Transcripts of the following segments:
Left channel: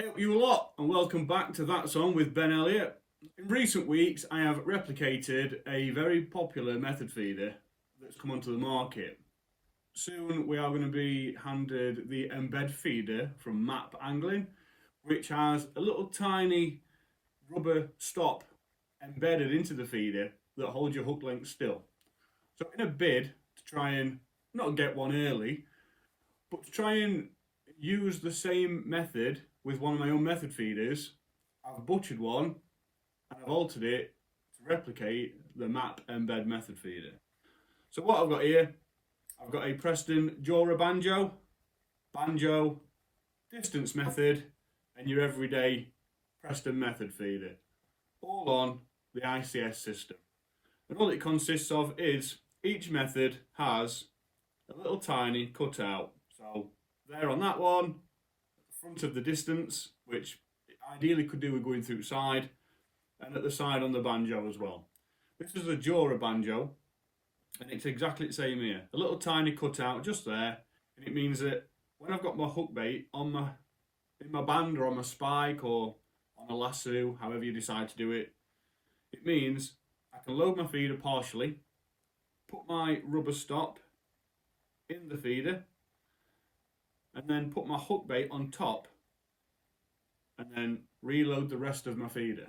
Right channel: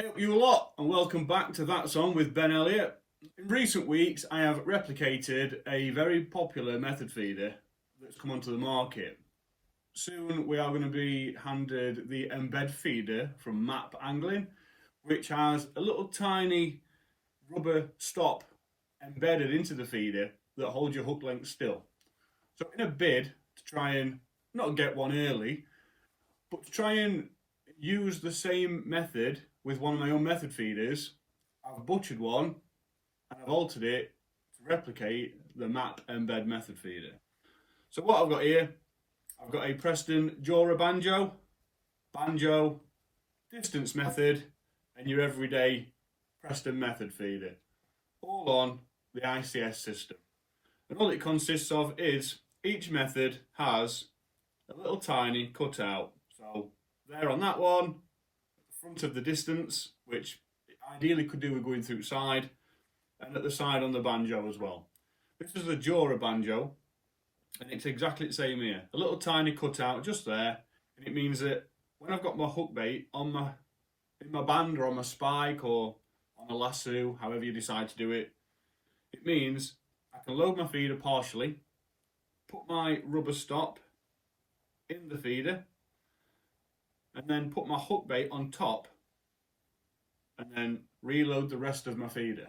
Hey up you lot, and welcome back to That Song with Ben Elliott. In recent weeks I have replicated a very popular method feeder that's come onto the market. Soon we are going to be handed the Embed feeder from MAP Angling, which has a little tiny rubber stop embedded into the feeder that holds your hook length still. So in a bid to try and not get one early, but to try and use the same method with one of my own method feeders, I've butchered one and I've altered it to replicate the MAP Embed method feeder. So what I've got here, I've got a Preston Banjo, distance method, and your everyday Preston method feeder, all on the ICS system. And all it consists of is each method has a little tiny cutout. So there on that one, front of the distance, which ideally could do with going through side, and at the side on the Banjo as well. This is a Jora Banjo, and it's exactly the same here. A little tiny cutout just there, and it means that when I've got my hook bait on in my band or on my spike or on a lasso, however you decide to do it, it means I can load my feeder partially, put my rubber stop in the feeder, and then put my hook bait on top, and then reload the rest of my feeder.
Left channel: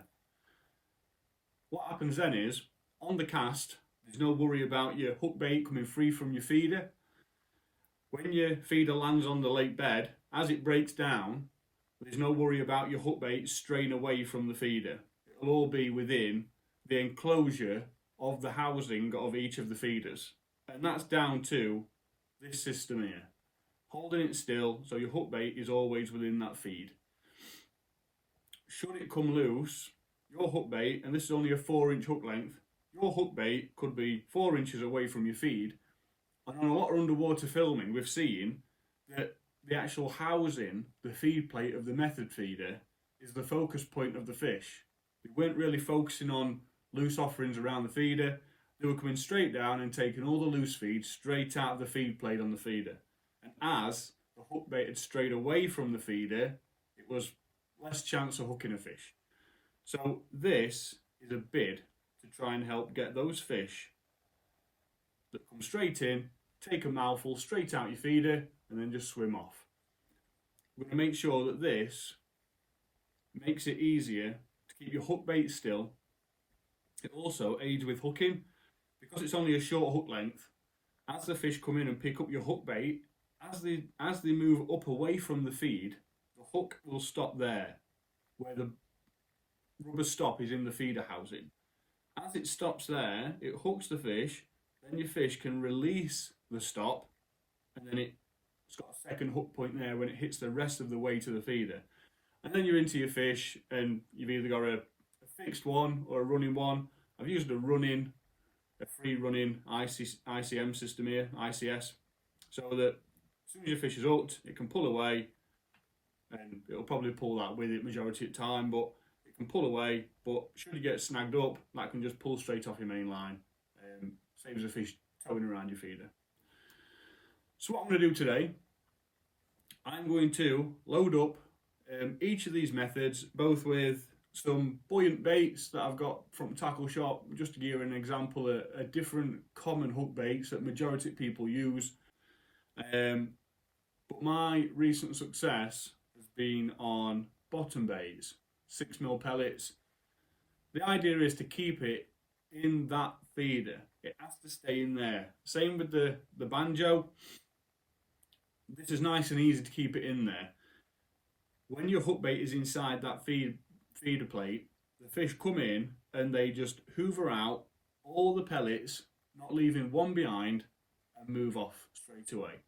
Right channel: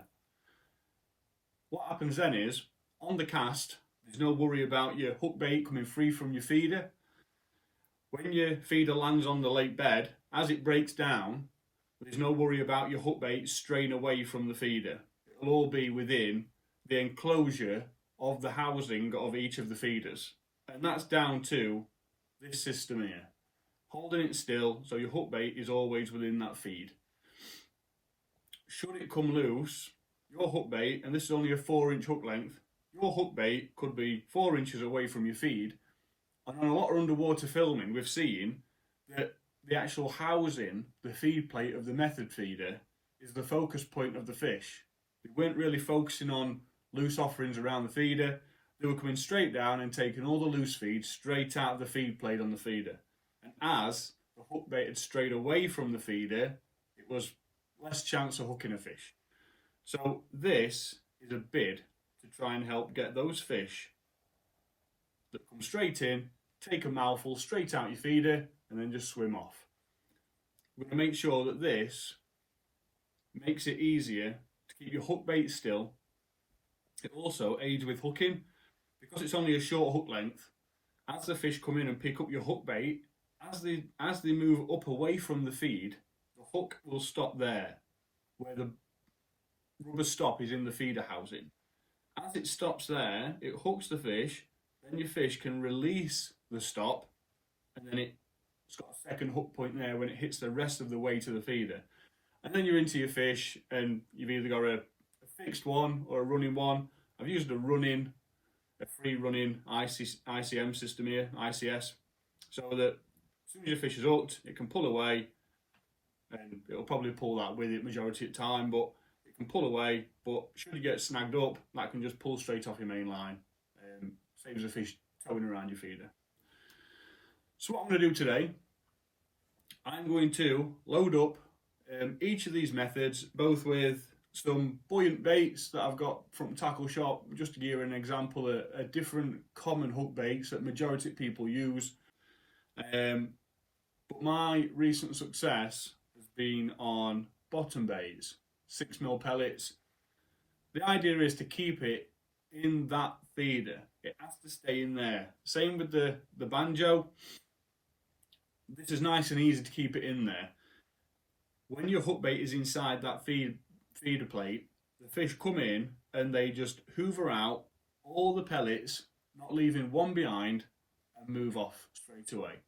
What happens then is, on the cast, there's no worry about your hook bait coming free from your feeder. When your feeder lands on the lake bed, as it breaks down, there's no worry about your hook bait straying away from the feeder. It'll all be within the enclosure of the housing of each of the feeders. And that's down to this system here, holding it still so your hook bait is always within that feed. Should it come loose, your hook bait, and this is only a 4-inch hook length, your hook bait could be 4 inches away from your feed. And on a lot of underwater filming, we've seen that the actual housing, the feed plate of the method feeder, is the focus point of the fish. They weren't really focusing on loose offerings around the feeder. They were coming straight down and taking all the loose feed straight out of the feed plate on the feeder. And as the hook bait had strayed away from the feeder, it was less chance of hooking a fish. So this is a bid to try and help get those fish that come straight in, take a mouthful straight out your feeder, and then just swim off. We're going to make sure that this makes it easier to keep your hook bait still. It also aids with hooking, because it's only a short hook length. As the fish come in and pick up your hook bait, as they move up away from the feed, the hook will stop there, where the rubber stop is in the feeder housing. As it stops there, it hooks the fish, then your fish can release the stop, and then it's got a second hook point there when it hits the rest of the way to the feeder. And then you're into your fish, and you've either got a fixed one or a running one. I've used a free running ICM system here, ICS, so that as soon as your fish is hooked, it can pull away, and it'll probably pull that with it majority of the time, but it can pull away. But should it get snagged up, that can just pull straight off your main line. Saves the fish towing around your feeder. So what I'm going to do today, I'm going to load up each of these methods, both with some buoyant baits that I've got from Tackle Shop, just to give you an example of different common hook baits that majority of people use. But my recent success has been on bottom baits, 6mm pellets. The idea is to keep it in that feeder. It has to stay in there. Same with the Banjo. This is nice and easy to keep it in there. When your hook bait is inside that feeder plate, the fish come in and they just hoover out all the pellets, not leaving one behind, and move off straight away.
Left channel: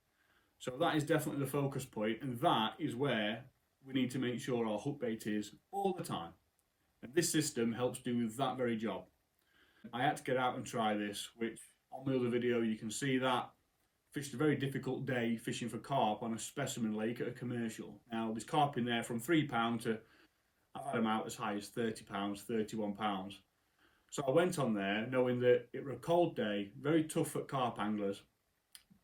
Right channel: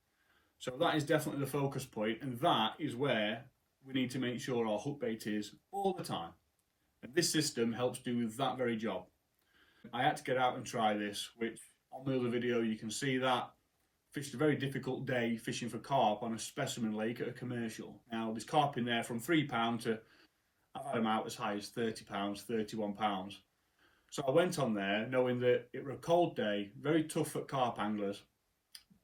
So that is definitely the focus point, and that is where we need to make sure our hook bait is all the time. And this system helps do that very job. I had to get out and try this, which on the other video you can see that. Fished a very difficult day fishing for carp on a specimen lake at a commercial. Now there's carp in there from £3 to, I've had them out as high as £30, £31. So I went on there knowing that it was a cold day, very tough for carp anglers.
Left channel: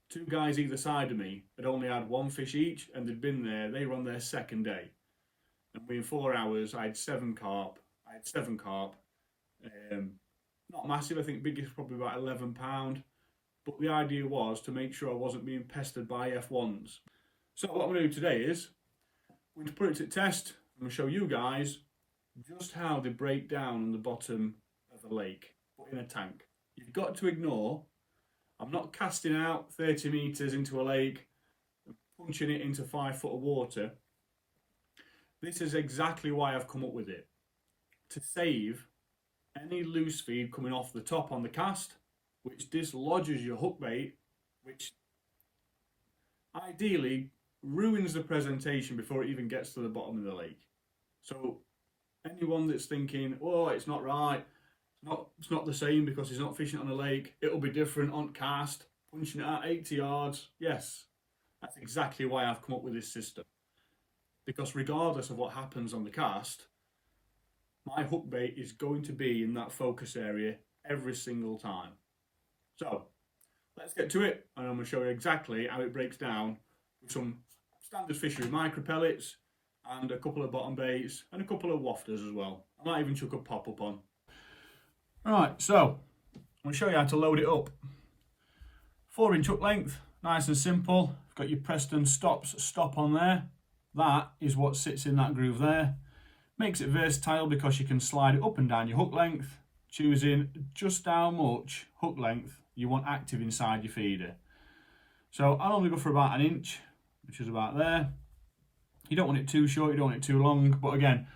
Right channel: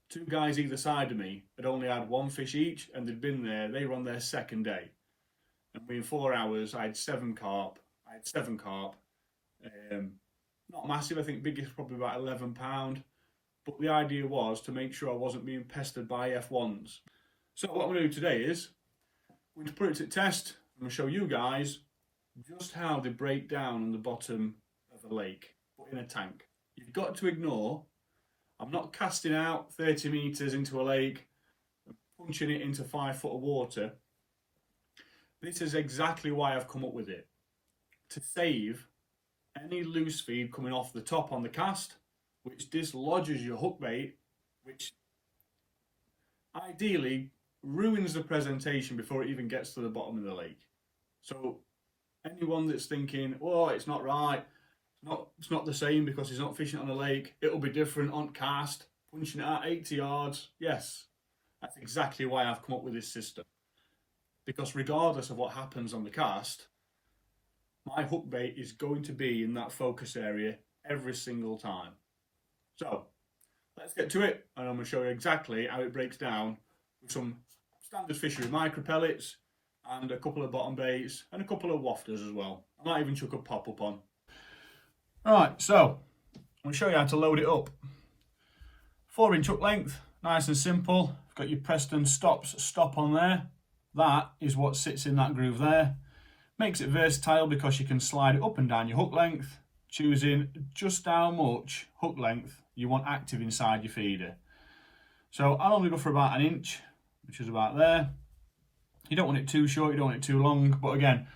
Two guys either side of me had only had one fish each, and they'd been there, they were on their second day. and within 4 hours I had 7 carp. Not massive, I think biggest probably about 11 pound. But the idea was to make sure I wasn't being pestered by F1s. So what I'm going to do today is I'm going to put it to test. I'm going to show you guys just how they break down on the bottom of a lake, but in a tank. You've got to ignore, I'm not casting out 30 metres into a lake and punching it into 5 foot of water. This is exactly why I've come up with it. To save any loose feed coming off the top on the cast, which dislodges your hook bait, which ideally ruins the presentation before it even gets to the bottom of the lake. So anyone that's thinking, oh, it's not right, it's not the same because he's not fishing on a lake, it'll be different on cast, punching it at 80 yards. Yes, that's exactly why I've come up with this system. Because regardless of what happens on the cast, my hook bait is going to be in that focus area every single time. So let's get to it, and I'm going to show you exactly how it breaks down with some standard fishery micro pellets and a couple of bottom baits and a couple of wafters as well. I might even chuck a pop-up on. Alright, so I'm going to show you how to load it up. 4-inch hook length, nice and simple. You've got your Preston stop on there. That is what sits in that groove there. Makes it versatile because you can slide it up and down your hook length, choosing just how much hook length you want active inside your feeder. So I normally go for about 1 inch, which is about there. You don't want it too short, you don't want it too long, but again,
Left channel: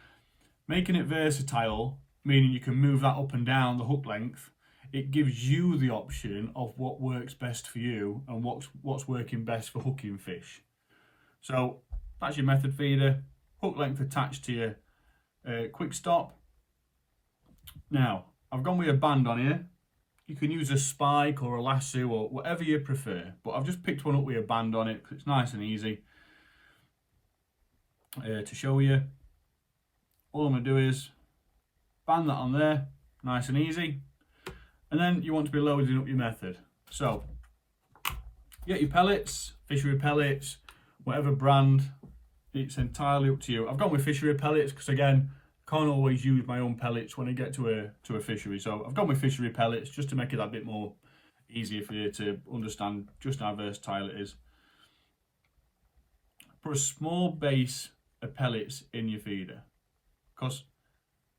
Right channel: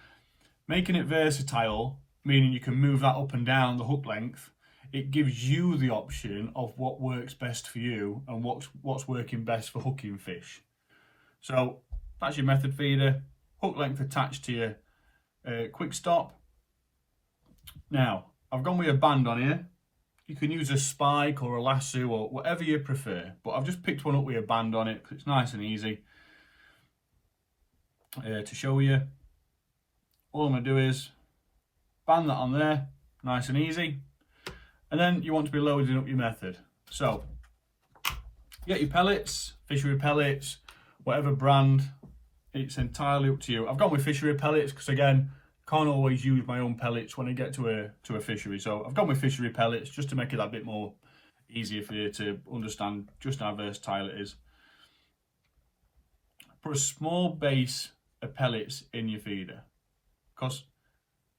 making it versatile, meaning you can move that up and down the hook length, it gives you the option of what works best for you and what's working best for hooking fish. So that's your method feeder, hook length attached to your quick stop. Now, I've gone with a band on here. You can use a spike or a lasso or whatever you prefer, but I've just picked one up with a band on it because it's nice and easy to show you. All I'm going to do is band that on there, nice and easy, and then you want to be loading up your method. So you get your pellets, fishery pellets, whatever brand, it's entirely up to you. I've gone with fishery pellets because again, can't always use my own pellets when I get to a fishery. So I've gone with fishery pellets just to make it that bit more easier for you to understand just how versatile it is. Put a small base of pellets in your feeder, because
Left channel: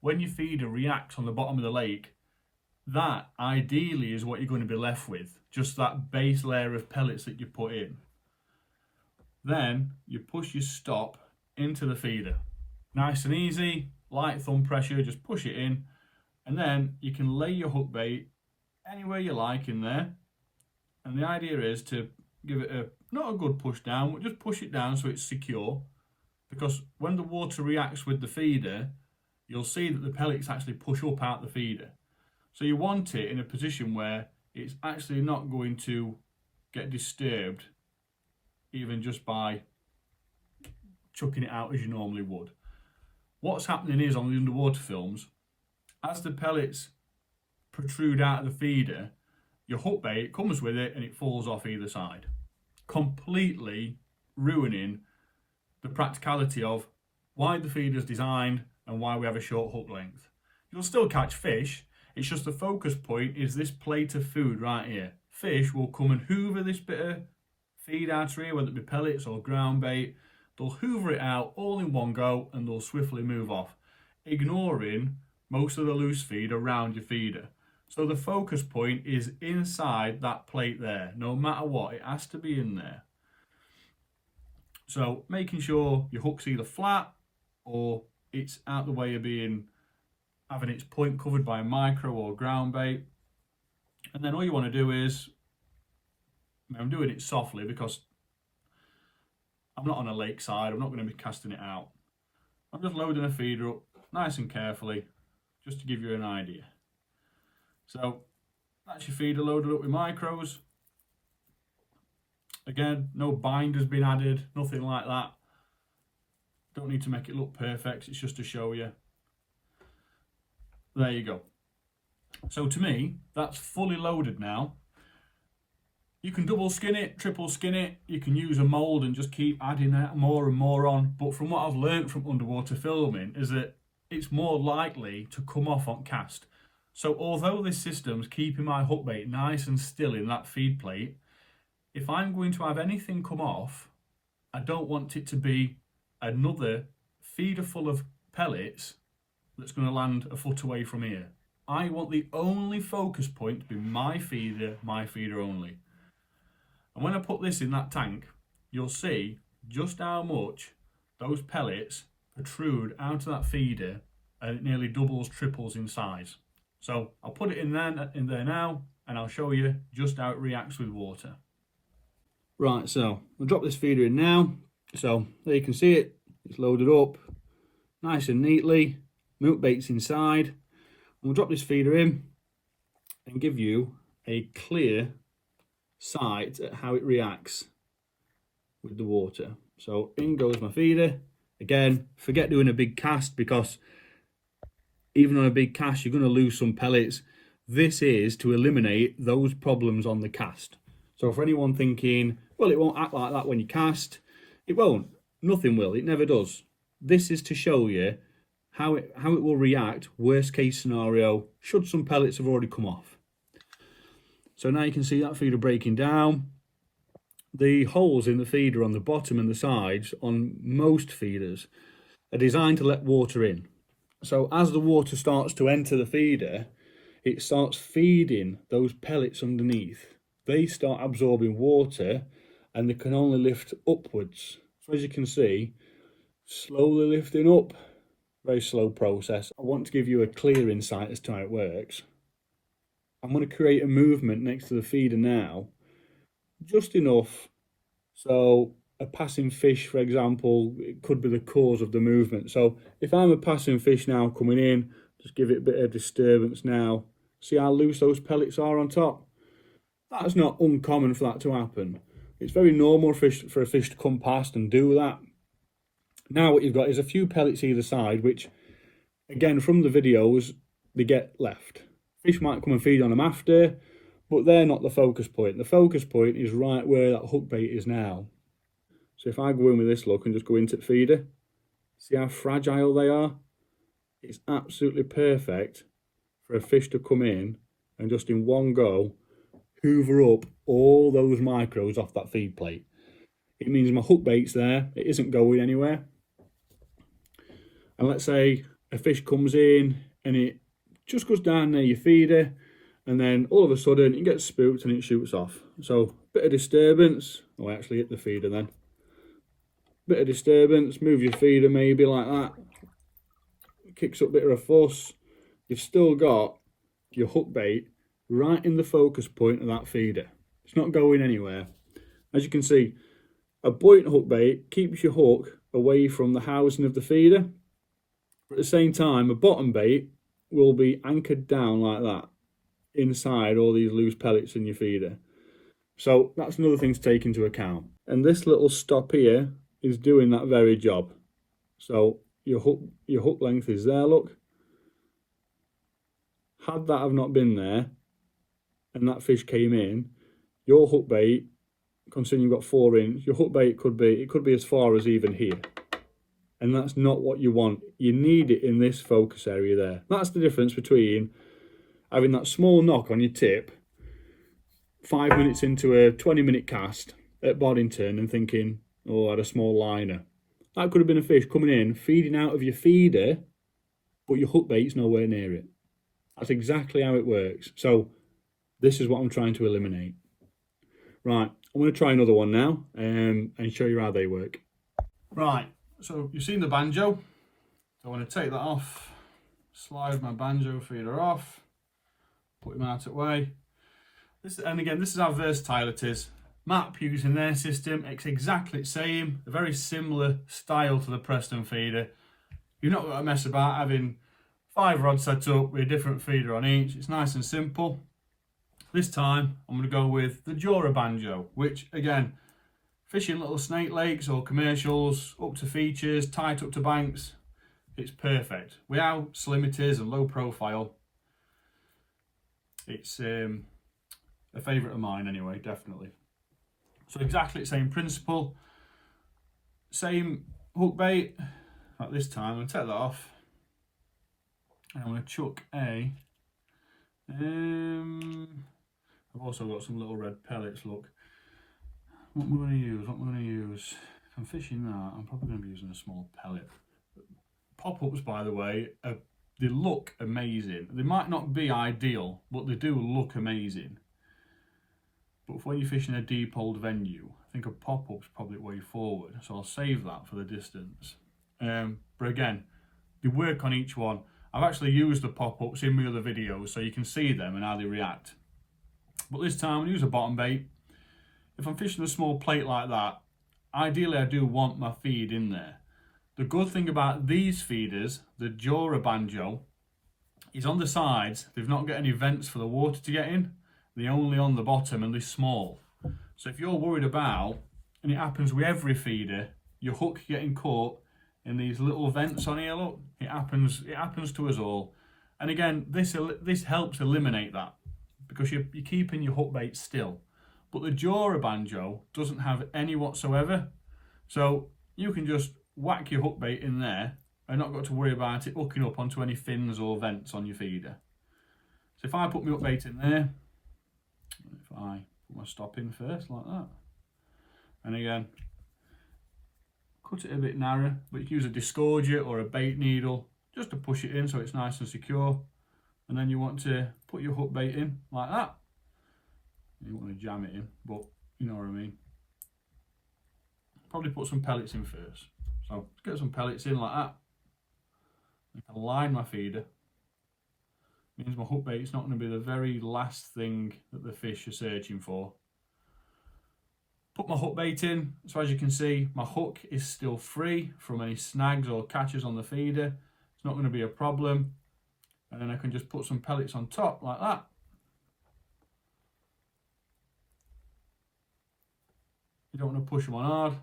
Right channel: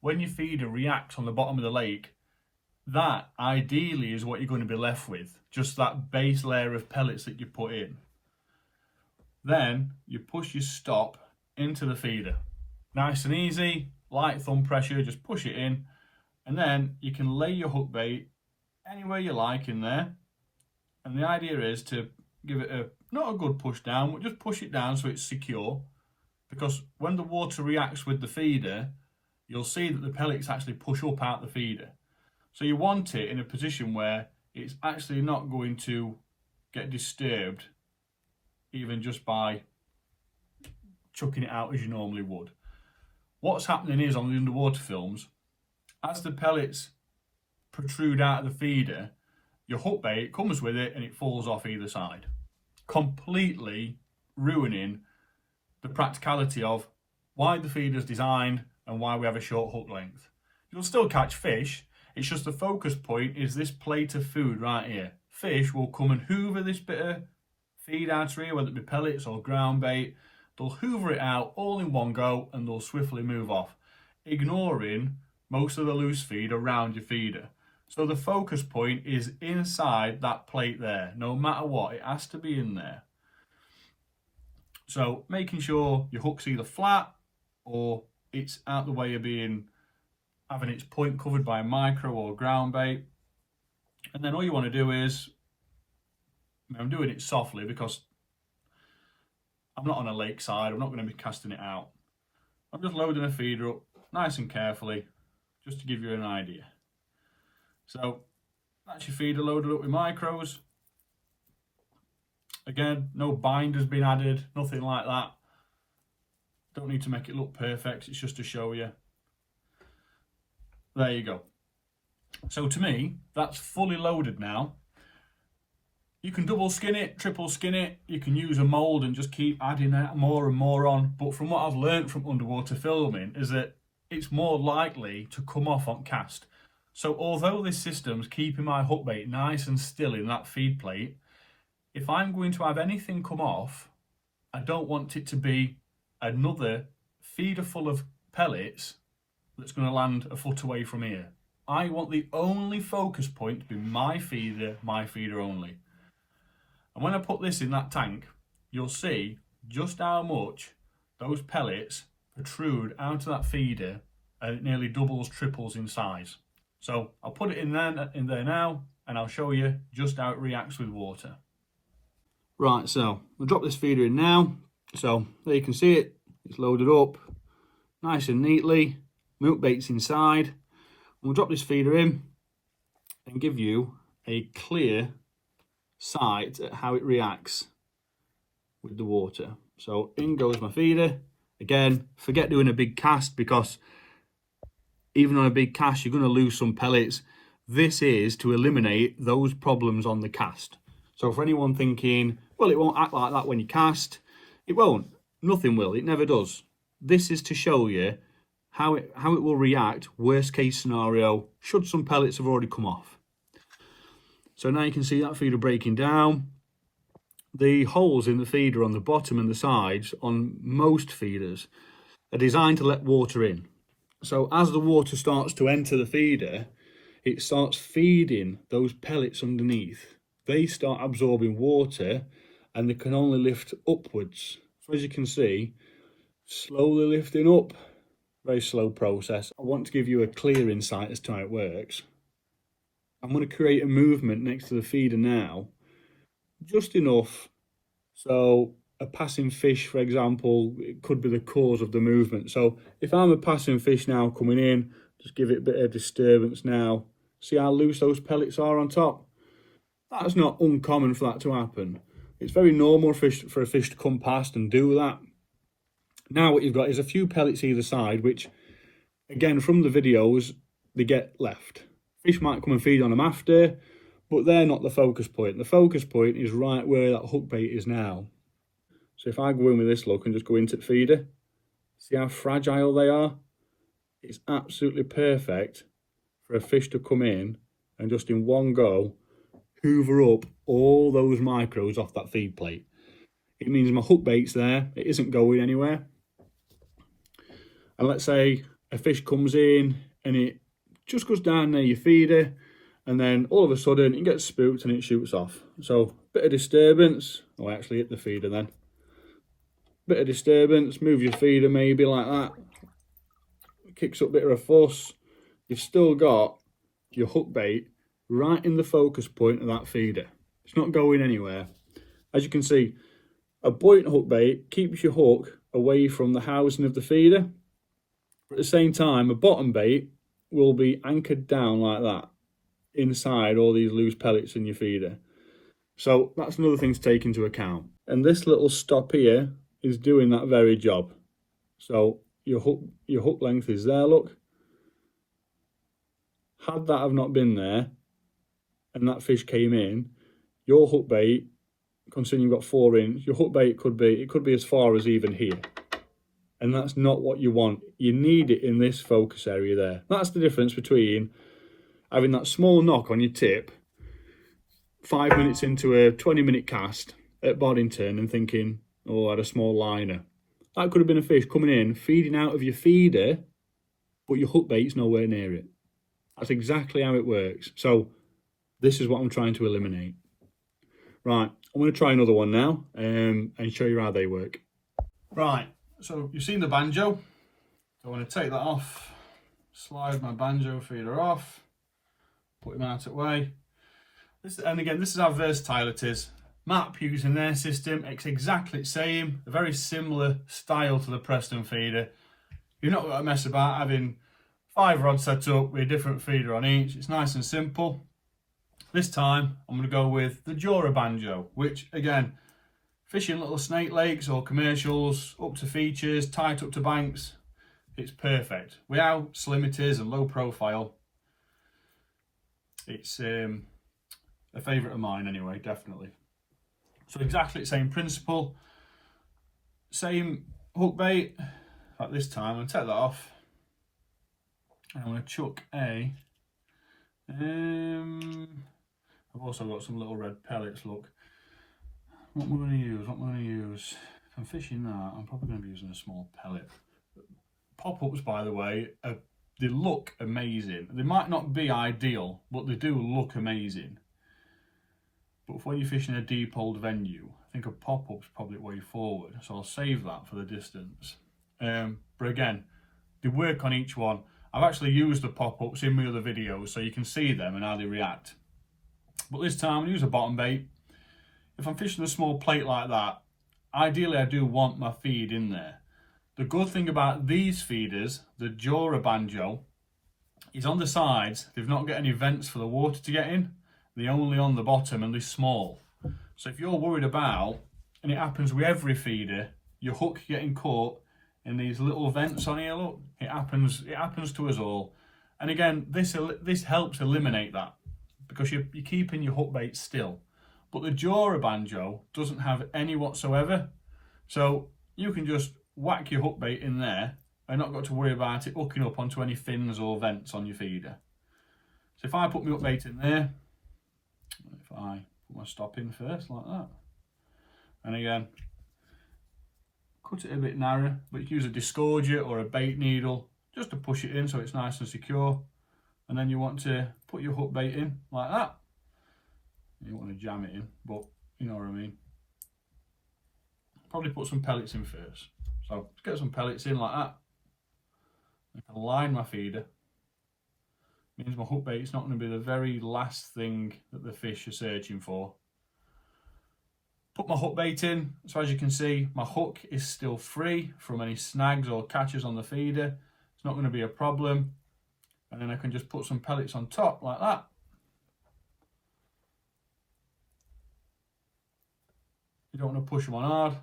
when your feeder reacts on the bottom of the lake, that ideally is what you're going to be left with, just that base layer of pellets that you put in. Then you push your stop into the feeder. Nice and easy, light thumb pressure, just push it in, and then you can lay your hook bait anywhere you like in there. And the idea is to give it not a good push down, but just push it down so it's secure, because when the water reacts with the feeder, you'll see that the pellets actually push up out the feeder. So you want it in a position where it's actually not going to get disturbed even just by chucking it out as you normally would. What's happening is on the underwater films, as the pellets protrude out of the feeder, your hook bait comes with it and it falls off either side, completely ruining the practicality of why the feeder's designed and why we have a short hook length. You'll still catch fish, it's just the focus point is this plate of food right here. Fish will come and hoover this bit of feed out here, whether it be pellets or ground bait. They'll hoover it out all in one go and they'll swiftly move off, ignoring most of the loose feed around your feeder. So the focus point is inside that plate there. No matter what, it has to be in there. So making sure your hook's either flat or it's out the way of having its point covered by a micro or ground bait. And then all you want to do is, I'm doing it softly because I'm not on a lakeside, I'm not going to be casting it out. I'm just loading a feeder up nice and carefully, just to give you an idea. So that's your feeder loaded up with micros. Again, no bind has been added, nothing like that. Don't need to make it look perfect, it's just to show you. There you go. So to me, that's fully loaded now. You can double skin it, triple skin it, you can use a mould and just keep adding that more and more on. But from what I've learned from underwater filming is that it's more likely to come off on cast. So although this system's keeping my hook bait nice and still in that feed plate, if I'm going to have anything come off, I don't want it to be another feeder full of pellets that's going to land a foot away from here. I want the only focus point to be my feeder only. And when I put this in that tank, you'll see just how much those pellets protrude out of that feeder, and it nearly doubles, triples in size. So I'll put it in there now, and I'll show you just how it reacts with water. Right, so I'll drop this feeder in now. So there you can see it, it's loaded up nice and neatly. My hook bait's inside. And we'll drop this feeder in and give you a clear sight at how it reacts with the water. So in goes my feeder. Again, forget doing a big cast, because even on a big cast you're going to lose some pellets. This is to eliminate those problems on the cast. So for anyone thinking, well, it won't act like that when you cast, it won't. Nothing will. It never does. This is to show you how it will react worst case scenario should some pellets have already come off. So now you can see that feeder breaking down. The holes in the feeder on the bottom and the sides on most feeders are designed to let water in. So as the water starts to enter the feeder, it starts feeding those pellets underneath. They start absorbing water and they can only lift upwards. So as you can see, slowly lifting up, very slow process. I want to give you a clear insight as to how it works. I'm going to create a movement next to the feeder now, just enough so a passing fish, for example, it could be the cause of the movement. So if I'm a passing fish now coming in, just give it a bit of disturbance now. See how loose those pellets are on top? That's not uncommon for that to happen. It's very normal for a fish to come past and do that. Now what you've got is a few pellets either side, which, again, from the videos, they get left. Fish might come and feed on them after, but they're not the focus point. The focus point is right where that hook bait is now. So if I go in with this look and just go into the feeder, see how fragile they are? It's absolutely perfect for a fish to come in and just in one go hoover up all those micros off that feed plate. It means my hook bait's there, it isn't going anywhere. And let's say a fish comes in and it just goes down near your feeder, and then all of a sudden it gets spooked and it shoots off. So bit of disturbance. Oh, I actually hit the feeder then. Bit of disturbance, move your feeder maybe like that. It kicks up a bit of a fuss. You've still got your hook bait right in the focus point of that feeder. It's not going anywhere. As you can see, a buoyant hook bait keeps your hook away from the housing of the feeder. But at the same time, a bottom bait will be anchored down like that inside all these loose pellets in your feeder. So that's another thing to take into account. And this little stop here is doing that very job. So your hook length is there, look. Had that have not been there and that fish came in, your hook bait, considering you've got 4 inch, your hook bait could be as far as even here. And that's not what you want. You need it in this focus area there. That's the difference between having that small knock on your tip 5 minutes into a 20-minute cast at Boddington and thinking, oh, I had a small liner. That could have been a fish coming in, feeding out of your feeder, but your hook bait's nowhere near it. That's exactly how it works. So this is what I'm trying to eliminate. Right, I'm going to try another one now and show you how they work. Right, so you've seen the Banjo. So I want to take that off, slide my Banjo feeder off, put him out of the way. And again, this is how versatile it is. MAP using their system, it's exactly the same, a very similar style to the Preston feeder. You're not going to mess about having 5 rods set up with a different feeder on each. It's nice and simple. This time I'm going to go with the Jura Banjo, which again, fishing little snake lakes or commercials, up to features, tight up to banks, it's perfect. With how slim it is and low profile, it's a a favourite of mine anyway, definitely. So exactly the same principle, same hook bait. Like this time, I'm going to take that off. I'm going to chuck a, I've also got some little red pellets, look. What am I going to use? What am I going to use? If I'm fishing that, I'm probably going to be using a small pellet. Pop-ups, by the way, they look amazing. They might not be ideal, but they do look amazing. But for when you're fishing a deep old venue, I think a pop-up's probably the way forward. So I'll save that for the distance. But again, they work on each one. I've actually used the pop-ups in my other videos so you can see them and how they react. But this time I use a bottom bait. If I'm fishing a small plate like that, ideally I do want my feed in there. The good thing about these feeders, the Jura Banjo, is on the sides, they've not got any vents for the water to get in. They're only on the bottom and they're small. So if you're worried about, and it happens with every feeder, your hook getting caught in these little vents on here, look, it happens to us all. And again, this helps eliminate that because you're keeping your hook bait still. But the Jura Banjo doesn't have any whatsoever. So you can just whack your hook bait in there and not got to worry about it hooking up onto any fins or vents on your feeder. So if I put my hook bait in there, if I put my stop in first like that, and again, cut it a bit narrow, but you can use a disgorger or a bait needle just to push it in so it's nice and secure. And then you want to put your hook bait in like that. You don't want to jam it in, but you know what I mean. Probably put some pellets in first. So get some pellets in like that. I can line my feeder. Means my hook bait is not going to be the very last thing that the fish are searching for. Put my hook bait in. So as you can see, my hook is still free from any snags or catches on the feeder. It's not going to be a problem. And then I can just put some pellets on top like that. You don't want to push them on hard.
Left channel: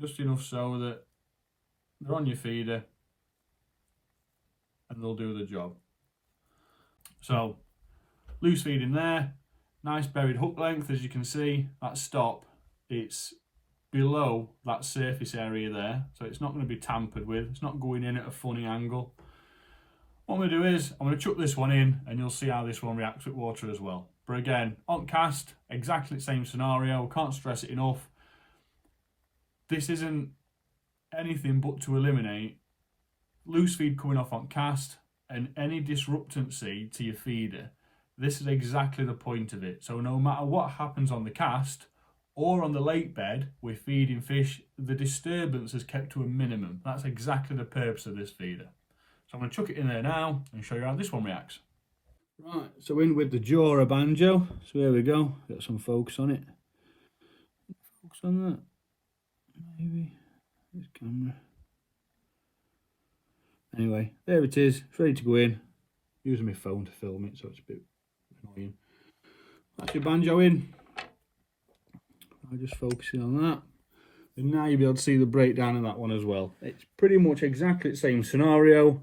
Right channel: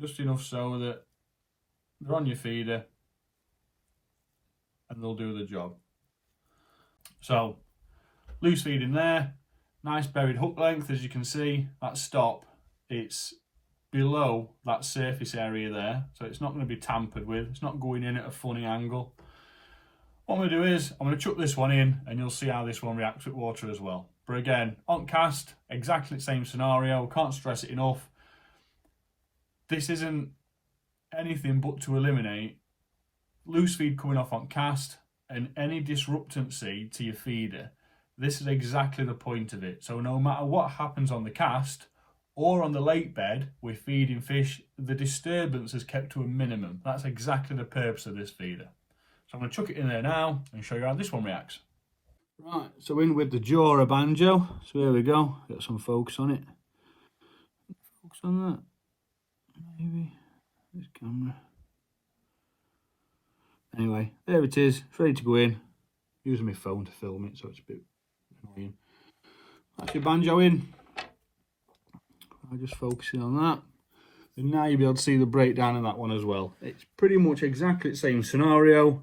Just enough so that they're on your feeder and they'll do the job. So loose feed in there, nice buried hook length. As you can see, that stop, it's below that surface area there, so it's not going to be tampered with. It's not going in at a funny angle. What I'm going to do is I'm going to chuck this one in and you'll see how this one reacts with water as well. But again, on cast, exactly the same scenario. Can't stress it enough. This isn't anything but to eliminate loose feed coming off on cast and any disruptancy to your feeder. This is exactly the point of it. So no matter what happens on the cast or on the lake bed with feeding fish, the disturbance is kept to a minimum. That's exactly the purpose of this feeder. So I'm going to chuck it in there now and show you how this one reacts. Right, so in with the Jura Banjo. So here we go. Got some focus on it. Focus on that. Maybe this camera. Anyway, there it is. It's ready to go in. Using my phone to film it, so it's a bit annoying. That's your banjo in. I'm just focusing on that. And now you'll be able to see the breakdown of that one as well. It's pretty much exactly the same scenario.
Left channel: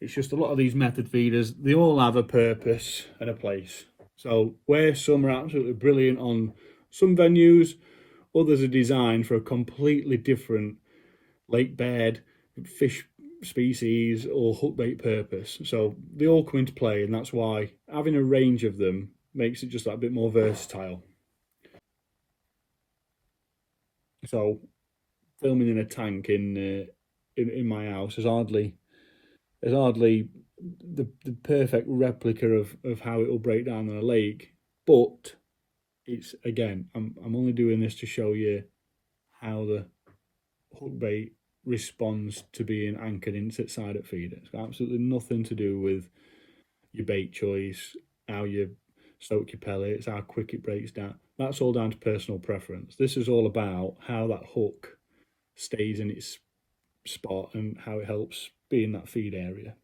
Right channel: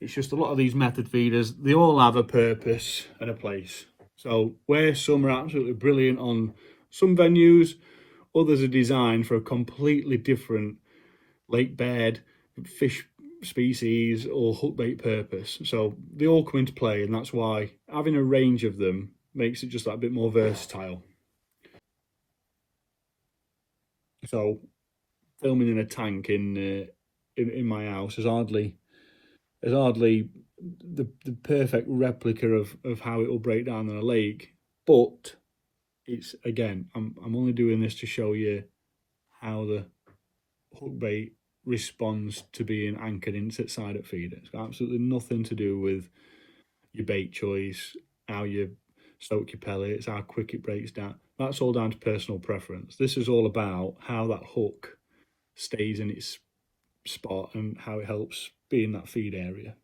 It's just a lot of these method feeders, they all have a purpose and a place. So where some are absolutely brilliant on some venues, others are designed for a completely different lake bed, fish species or hookbait purpose. So they all come into play, and that's why having a range of them makes it just that bit more versatile. So filming in a tank in my house is hardly the perfect replica of how it will break down in a lake, but it's, again, I'm only doing this to show you how the hookbait responds to being anchored inside at feeder. It's got absolutely nothing to do with your bait choice, how you soak your pellets, how quick it breaks down. That's all down to personal preference. This is all about how that hook stays in its spot and how it helps be in that feed area.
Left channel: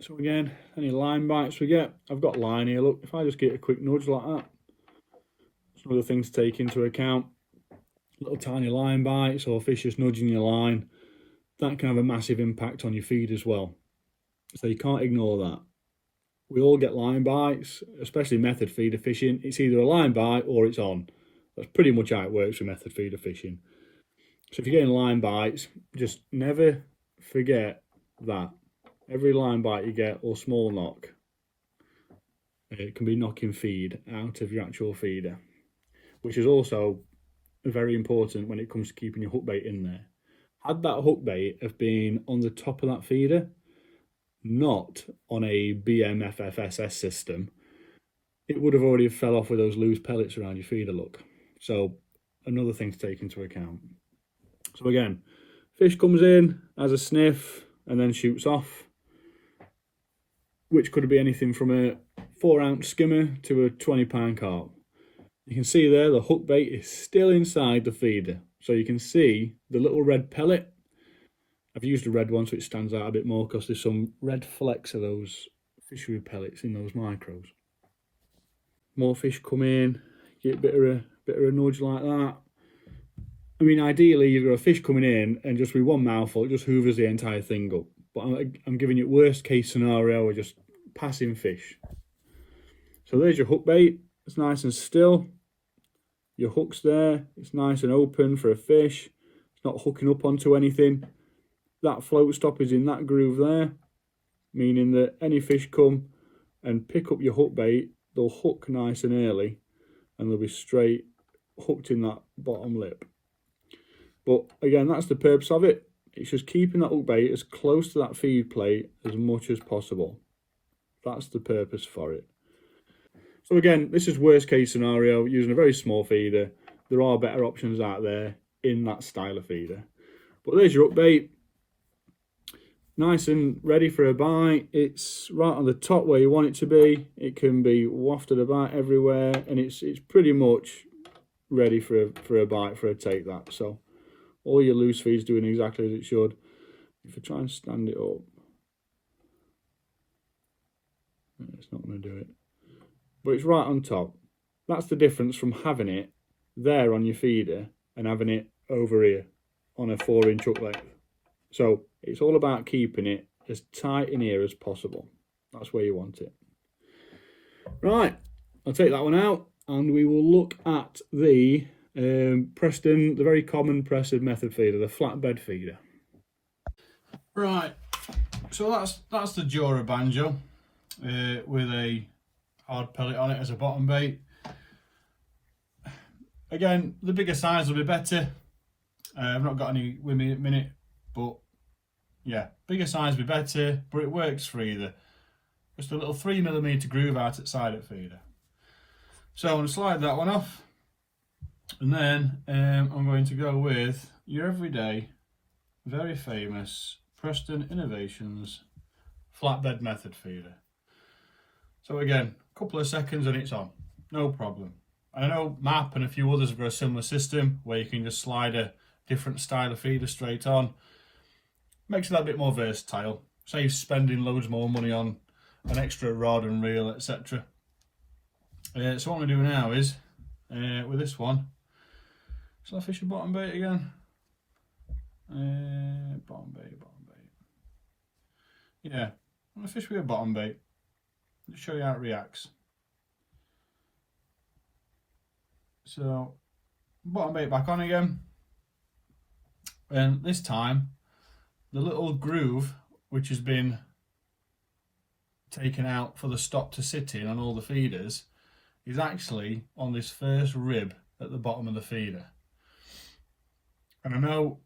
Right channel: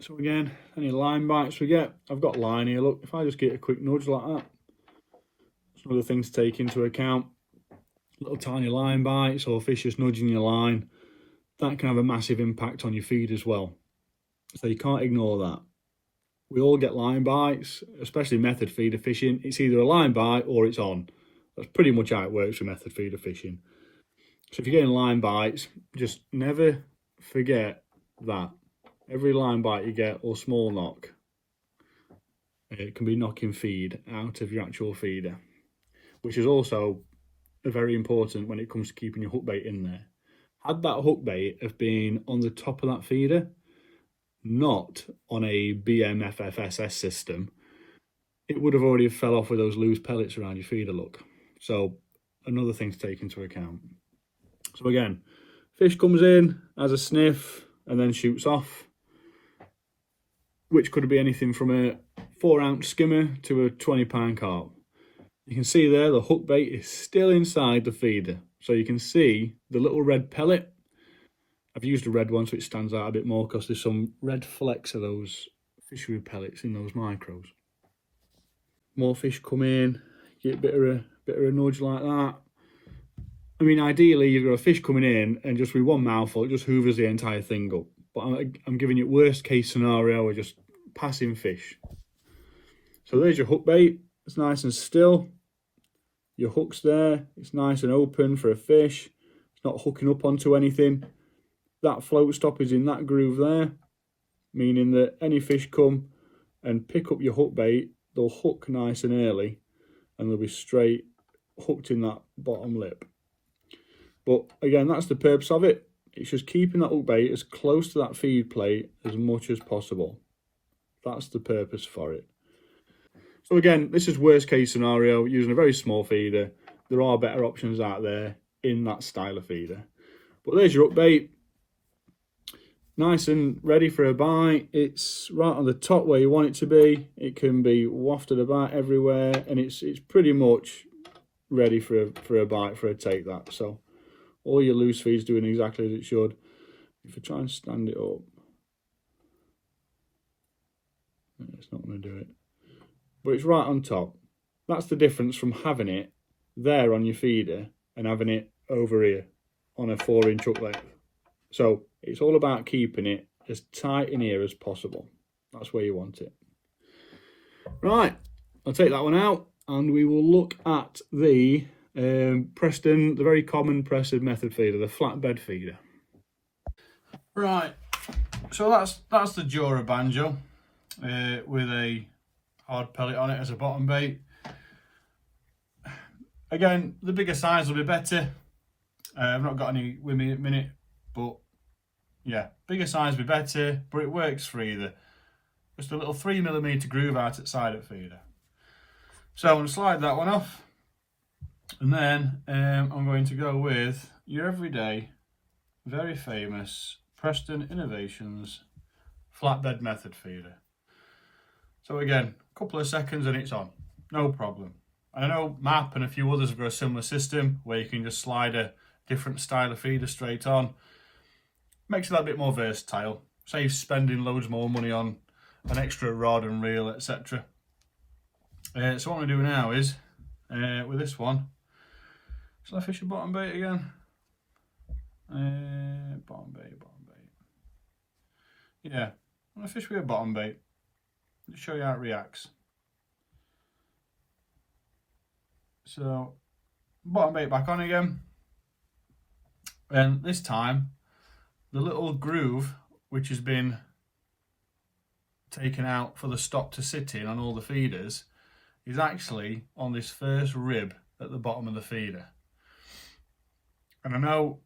So again, any line bites we get, I've got line here, look, if I just get a quick nudge like that, some other things to take into account, little tiny line bites or fish just nudging your line, that can have a massive impact on your feed as well. So you can't ignore that. We all get line bites, especially method feeder fishing. It's either a line bite or it's on. That's pretty much how it works for method feeder fishing. So if you're getting line bites, just never forget that. Every line bite you get, or small knock, it can be knocking feed out of your actual feeder, which is also very important when it comes to keeping your hook bait in there. Had that hook bait have been on the top of that feeder, not on a BMFFSS system, it would have already fell off with those loose pellets around your feeder, look. So another thing to take into account. So again, fish comes in, has a sniff, and then shoots off, which could be anything from a 4-ounce skimmer to a 20-pound carp. You can see there the hook bait is still inside the feeder. So you can see the little red pellet. I've used a red one so it stands out a bit more because there's some red flecks of those fishery pellets in those micros. More fish come in, get a bit of a nudge like that. I mean, ideally you've got a fish coming in and just with one mouthful, it just hoovers the entire thing up. But I'm giving you worst case scenario, we're just passing fish. So there's your hook bait. It's nice and still. Your hook's there. It's nice and open for a fish. It's not hooking up onto anything. That float stop is in that groove there, meaning that any fish come and pick up your hook bait, they'll hook nice and early and they'll be straight hooked in that bottom lip. But again, that's the purpose of it. It's just keeping that hook bait as close to that feed plate as much as possible. That's the purpose for it. So again, this is worst case scenario, using a very small feeder. There are better options out there in that style of feeder. But there's your hook bait. Nice and ready for a bite. It's right on the top where you want it to be. It can be wafted about everywhere, and it's pretty much ready for a bite, for a take that. So all your loose feed's doing exactly as it should. If I try and stand it up, it's not going to do it. But it's right on top. That's the difference from having it there on your feeder and having it over here on a 4-inch hook length. So it's all about keeping it as tight in here as possible. That's where you want it. Right, I'll take that one out and we will look at the Preston, the very common Preston method feeder, the flatbed feeder. Right, so that's the Jura Banjo with a hard pellet on it as a bottom bait. Again, the bigger size will be better. I've not got any with me at the minute, but yeah, bigger size will be better, but it works for either. Just a little 3mm groove out at side of feeder. So I'm going to slide that one off, and then I'm going to go with your everyday, very famous Preston Innovations flatbed method feeder. So again, a couple of seconds and it's on, no problem. I know MAP and a few others have got a similar system where you can just slide a different style of feeder straight on. Makes it a bit more versatile, saves spending loads more money on an extra rod and reel, etc. So what I'm going to do now is, with this one, shall I fish a bottom bait again? Bottom bait. Yeah, I'm going to fish with a bottom bait. Let's show you how it reacts. So, bottom bait back on again. And this time, the little groove, which has been taken out for the stop to sit in on all the feeders, is actually on this first rib at the bottom of the feeder. And I know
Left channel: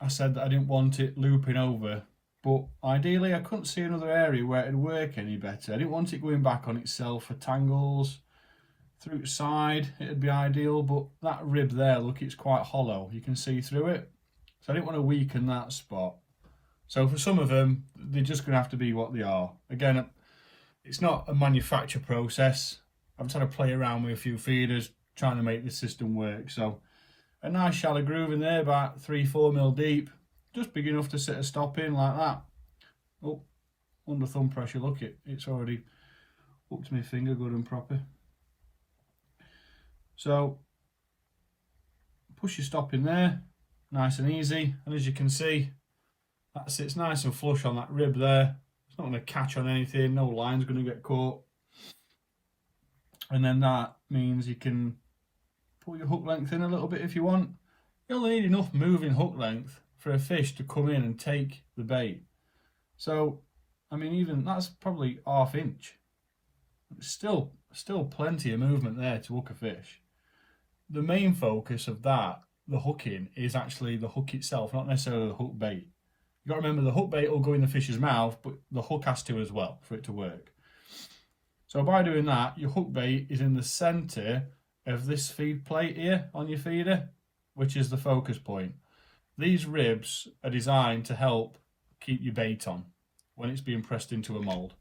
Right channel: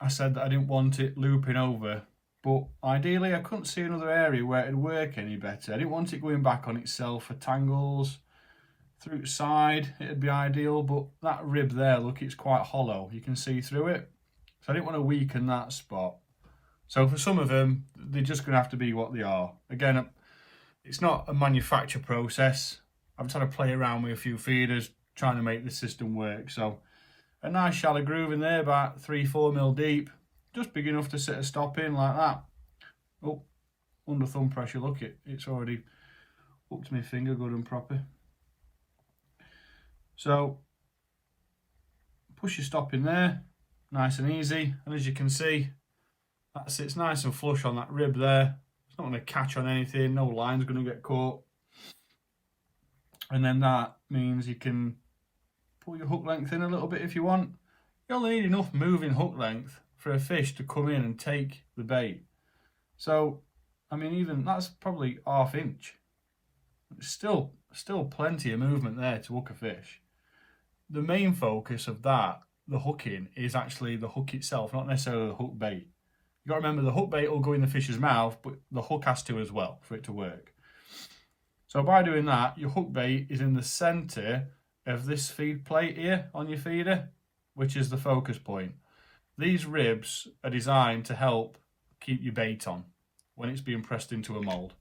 I said that I didn't want it looping over, but ideally I couldn't see another area where it'd work any better. I didn't want it going back on itself for tangles. Through its side it'd be ideal, but that rib there, look, it's quite hollow, you can see through it. So I didn't want to weaken that spot. So for some of them, they're just going to have to be what they are. Again, it's not a manufacture process. I'm trying to play around with a few feeders, trying to make the system work. So a nice shallow groove in there, about 3-4 deep, just big enough to sit a stop in like that. Oh, under thumb pressure, look, it's already up to my finger good and proper. So push your stop in there, nice and easy, and as you can see, that sits nice and flush on that rib there. There's not going to catch on anything, no line's going to get caught. And then that means you can pull your hook length in a little bit if you want. You only need enough moving hook length for a fish to come in and take the bait. So, I mean, even that's probably ½ inch. Still plenty of movement there to hook a fish. The main focus of that, the hooking, is actually the hook itself, not necessarily the hook bait. You've got to remember the hook bait will go in the fish's mouth, but the hook has to as well for it to work. So by doing that, your hook bait is in the centre of this feed plate here on your feeder, which is the focus point. These ribs are designed to help keep your bait on when it's being pressed into a mould.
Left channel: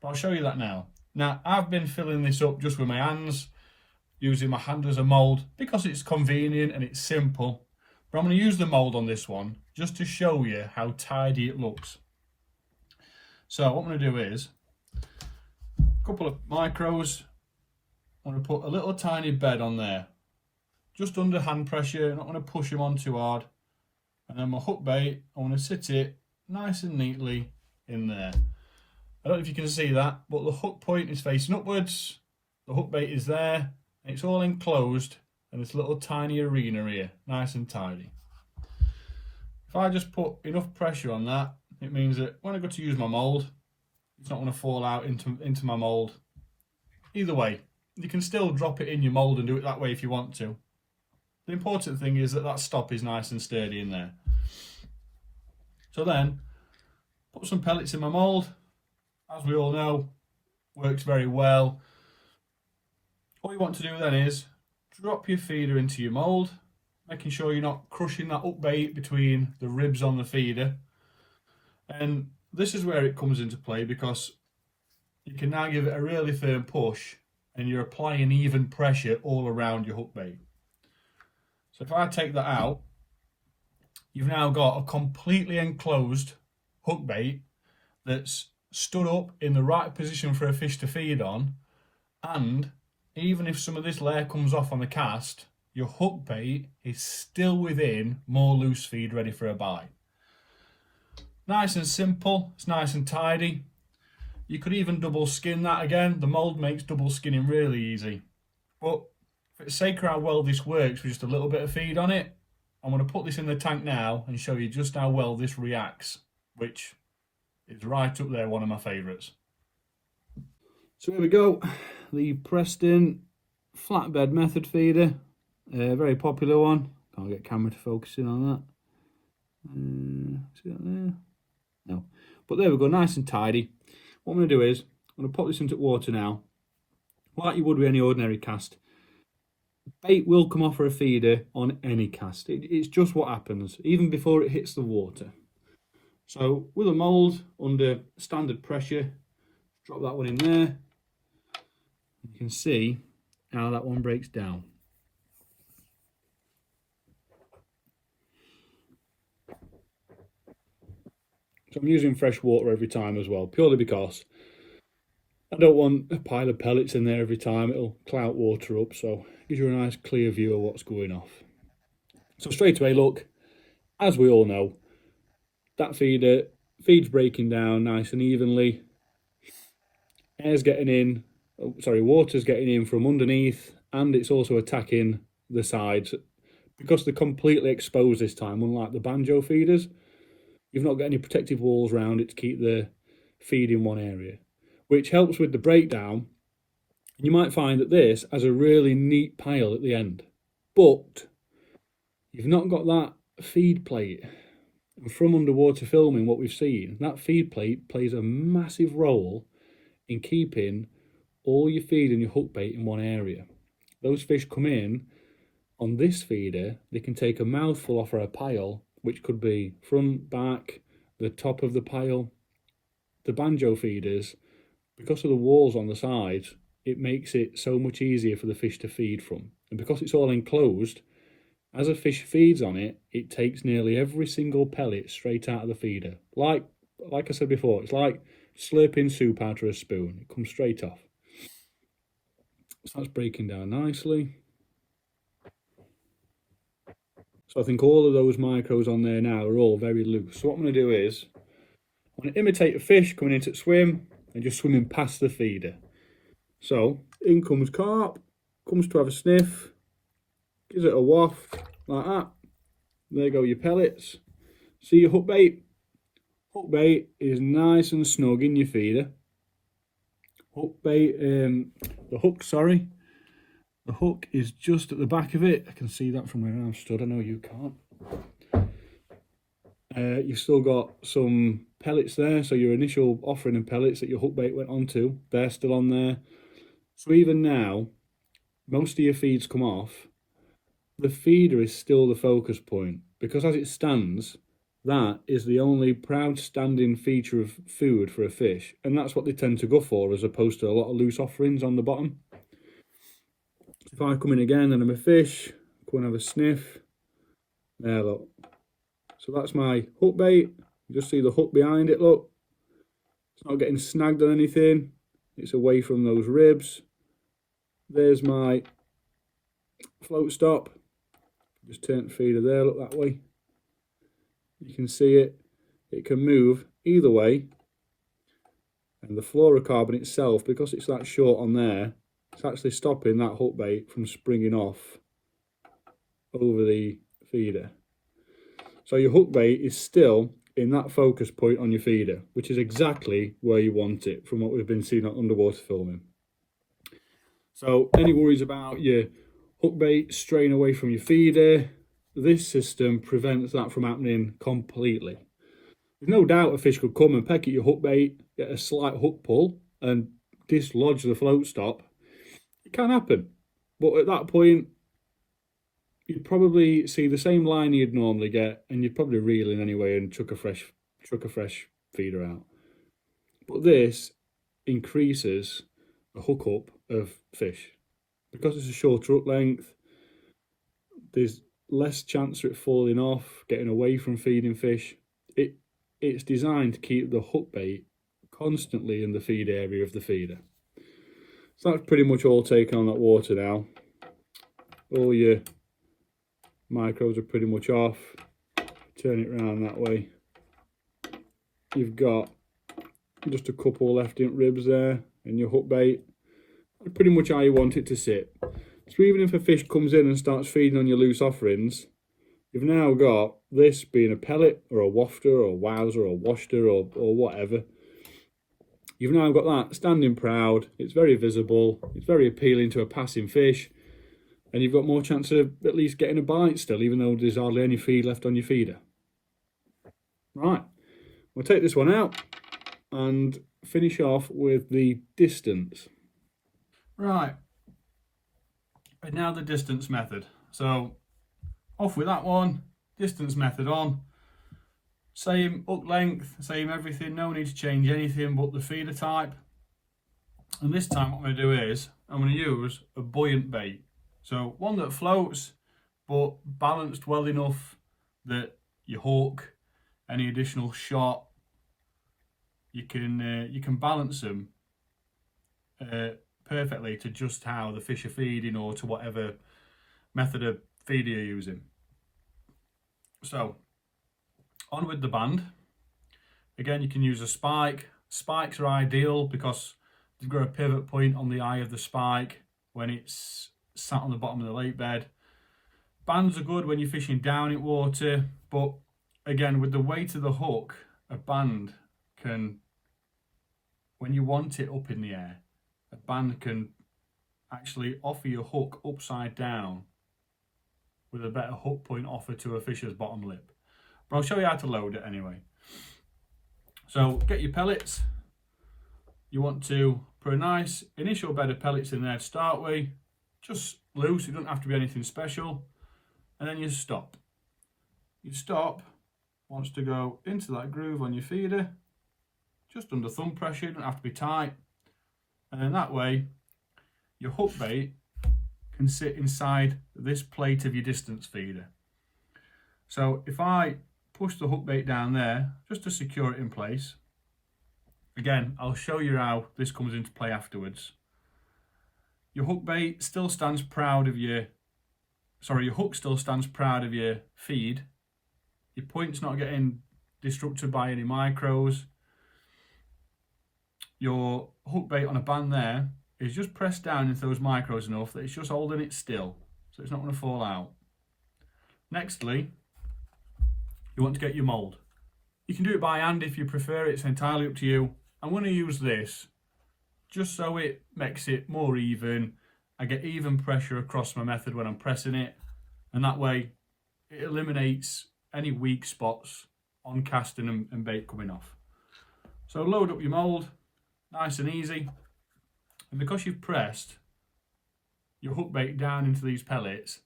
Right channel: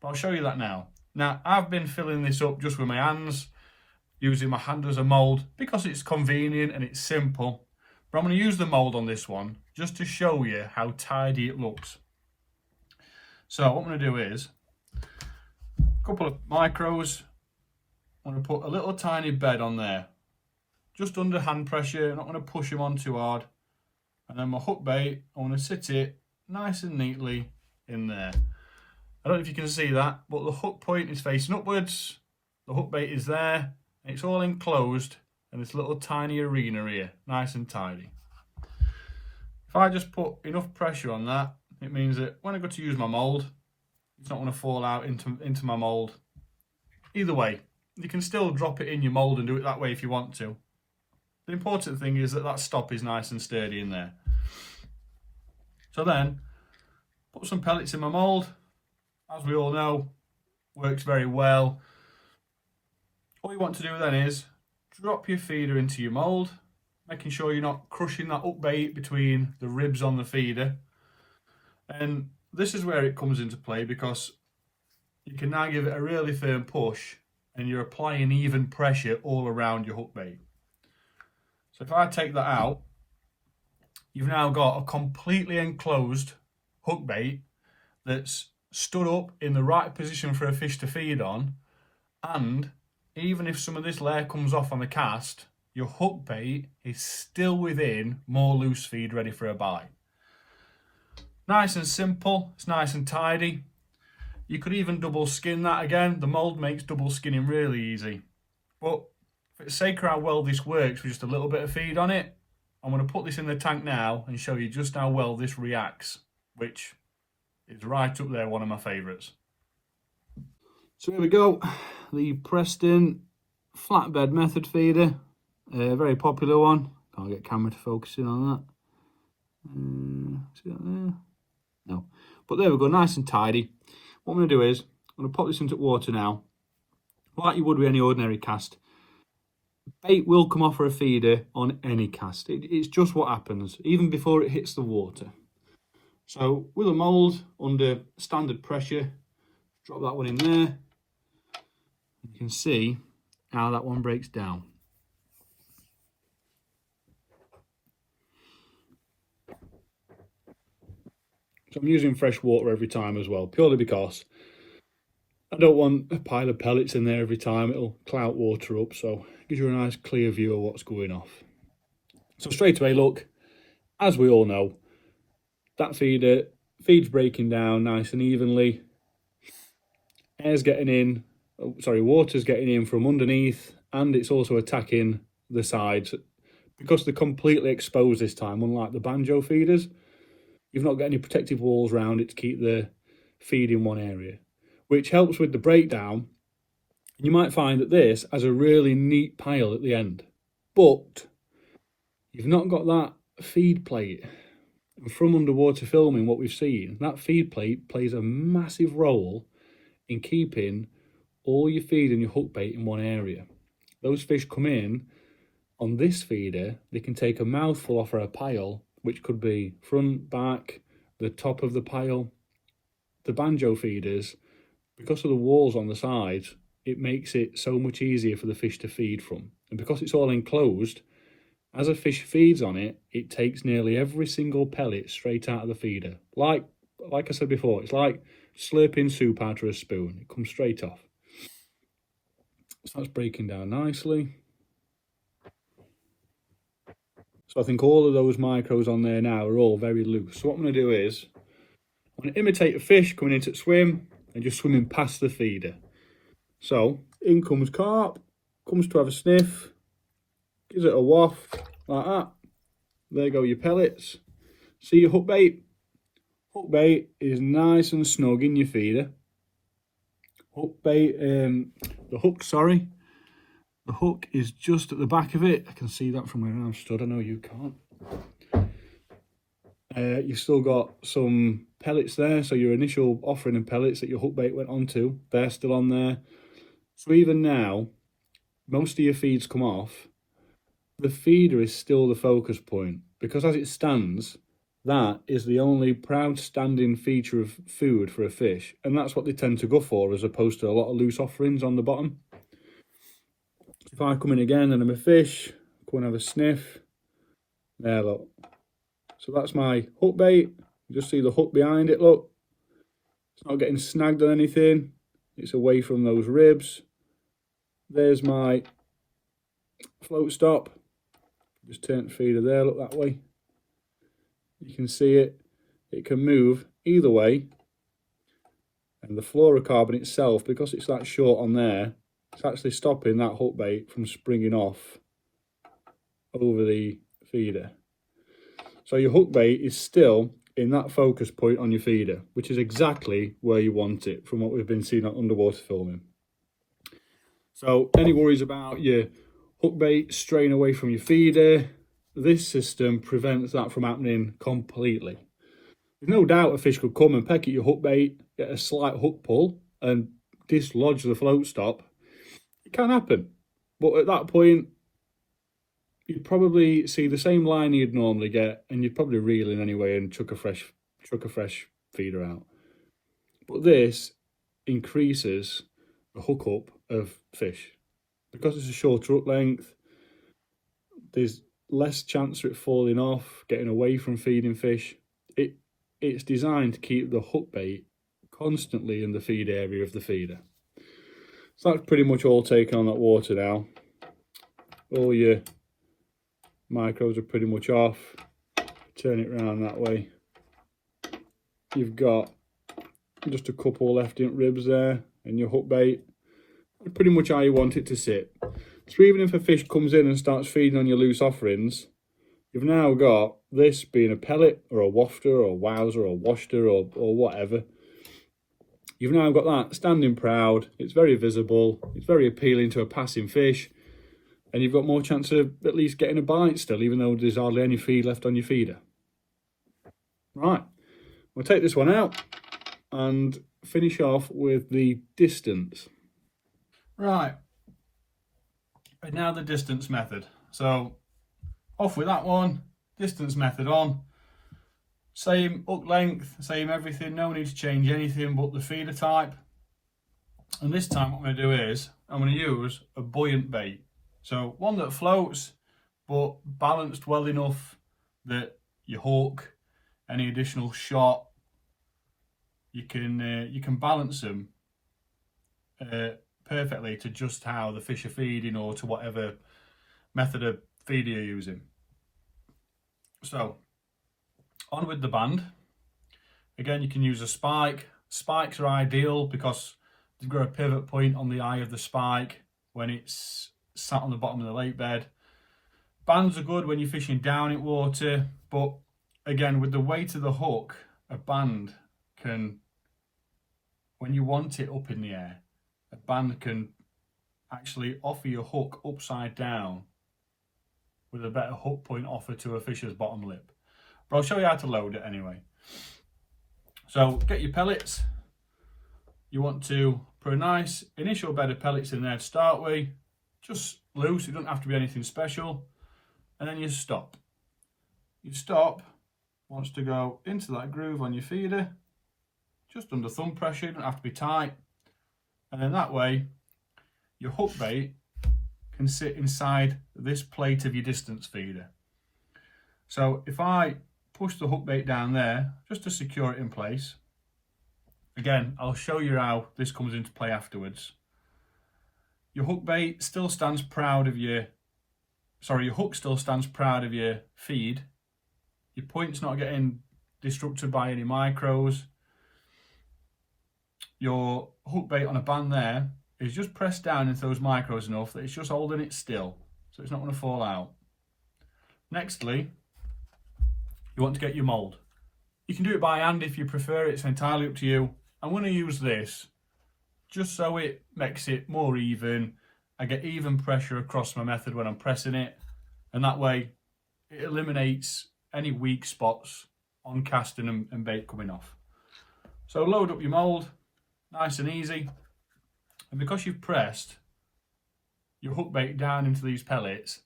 But I'll show you that now. Now, I've been filling this up just with my hands, using my hand as a mould because it's convenient and it's simple. But I'm going to use the mould on this one just to show you how tidy it looks. So what I'm going to do is a couple of micros. I'm going to put a little tiny bed on there, just under hand pressure. I'm not going to push them on too hard. And then my hook bait, I want to sit it nice and neatly in there. I don't know if you can see that, but the hook point is facing upwards. The hook bait is there. And it's all enclosed in this little tiny arena here, nice and tidy. If I just put enough pressure on that, it means that when I go to use my mould, it's not going to fall out into my mould. Either way, you can still drop it in your mould and do it that way if you want to. The important thing is that stop is nice and sturdy in there. So then, put some pellets in my mould. As we all know, works very well. All you want to do then is drop your feeder into your mould, making sure you're not crushing that up bait between the ribs on the feeder. And this is where it comes into play, because you can now give it a really firm push and you're applying even pressure all around your hook bait. So if I take that out, you've now got a completely enclosed hook bait that's stood up in the right position for a fish to feed on, and even if some of this layer comes off on the cast, your hook bait is still within more loose feed ready for a bite. Nice and simple, it's nice and tidy. You could even double skin that again. The mould makes double skinning really easy. But for the sake of how well this works with just a little bit of feed on it, I'm going to put this in the tank now and show you just how well this reacts, which is right up there, one of my favourites. So here we go, the Preston Flatbed Method Feeder, a very popular one. Can't get camera to focus in on that. See that there? No, but there we go, nice and tidy. What I'm going to do is, I'm going to pop this into water now, like you would with any ordinary cast. Bait will come off for a feeder on any cast. It's just what happens, even before it hits the water. So with a mould under standard pressure, drop that one in there. You can see how that one breaks down. So I'm using fresh water every time as well, purely because I don't want a pile of pellets in there every time. It'll clout water up, so it gives you a nice clear view of what's going off. So straight away, look, as we all know, that feed's breaking down nice and evenly. Water's getting in from underneath, and it's also attacking the sides. Because they're completely exposed this time, unlike the Banjo feeders, you've not got any protective walls around it to keep the feed in one area, which helps with the breakdown. You might find that this has a really neat pile at the end, but you've not got that feed plate. And from underwater filming, what we've seen, that feed plate plays a massive role in keeping all your feed and your hook bait in one area. Those fish come in on this feeder, they can take a mouthful off a pile, which could be front, back, the top of the pile. The Banjo feeders, because of the walls on the sides, it makes it so much easier for the fish to feed from. And because it's all enclosed, as a fish feeds on it, it takes nearly every single pellet straight out of the feeder. Like I said before, it's like slurping soup out of a spoon. It comes straight off. So that's breaking down nicely. So I think all of those micros on there now are all very loose. So what I'm going to do is, I'm want to imitate a fish coming into the swim and just swimming past the feeder. So in comes carp, comes to have a sniff, gives it a waft like that. There go your pellets. See your hook bait? Hook bait is nice and snug in your feeder. Hook bait, the hook is just at the back of it. I can see that from where I'm stood. I know you can't. You've still got some pellets there, so your initial offering of pellets that your hook bait went onto, they're still on there. So even now, most of your feeds come off. The feeder is still the focus point, because as it stands, that is the only proud standing feature of food for a fish, and that's what they tend to go for, as opposed to a lot of loose offerings on the bottom. If I come in again and I'm a fish, go and have a sniff. There, look. So that's my hook bait. You just see the hook behind it, look. It's not getting snagged on anything. It's away from those ribs. There's my float stop. Just turn the feeder there, look that way. You can see it. It can move either way. And the fluorocarbon itself, because it's that short on there, it's actually stopping that hook bait from springing off over the feeder. So your hook bait is still in that focus point on your feeder, which is exactly where you want it from what we've been seeing on underwater filming. So any worries about your hook bait straying away from your feeder, this system prevents that from happening completely. There's no doubt a fish could come and peck at your hook bait, get a slight hook pull and dislodge the float stop. It can happen, but at that point you'd probably see the same line you'd normally get, and you'd probably reel in anyway and chuck a fresh feeder out. But this increases the hookup of fish. Because it's a shorter hook length, there's less chance of it falling off, getting away from feeding fish. It's designed to keep the hook bait constantly in the feed area of the feeder. So that's pretty much all taken on that water now. All your micros are pretty much off. Turn it around that way. You've got just a couple left in ribs there and your hook bait. Pretty much how you want it to sit. So even if a fish comes in and starts feeding on your loose offerings, you've now got this being a pellet or a wafter or a wowser or a washter or whatever. You've now got that standing proud. It's very visible. It's very appealing to a passing fish. And you've got more chance of at least getting a bite still, even though there's hardly any feed left on your feeder. Right, we'll take this one out and finish off with the distance. Right, and now the distance method. So off with that one, distance method on. Same hook length, same everything, no need to change anything but the feeder type. And this time what I'm going to do is, I'm going to use a buoyant bait. So one that floats, but balanced well enough that your hook, any additional shot, you can balance them perfectly to just how the fish are feeding or to whatever method of feed you're using. So on with the band. Again, you can use a spike. Spikes are ideal because they've got a pivot point on the eye of the spike when it's sat on the bottom of the lake bed. Bands are good when you're fishing down in water, but again, with the weight of the hook, a band can, when you want it up in the air, a band can actually offer your hook upside down with a better hook point offer to a fish's bottom lip. But I'll show you how to load it anyway. So get your pellets. You want to put a nice initial bed of pellets in there to start with. Just loose, it doesn't have to be anything special. And then you stop. Your stop wants to go into that groove on your feeder, just under thumb pressure, it doesn't have to be tight. And then that way, your hook bait can sit inside this plate of your distance feeder. So if I push the hook bait down there, just to secure it in place, again, I'll show you how this comes into play afterwards. Your hook bait still stands proud of your hook still stands proud of your feed. Your point's not getting disrupted by any micros. your hook bait on a band there is just pressed down into those micros enough that it's just holding it still, so it's not going to fall out. Nextly, you want to get your mould. You can do it by hand if you prefer, it's entirely up to you. I'm going to use this just so it makes it more even. I get even pressure across my method when I'm pressing it, and that way it eliminates any weak spots on casting and bait coming off. So load up your mould, nice and easy, and because you've pressed your hook bait down into these pellets,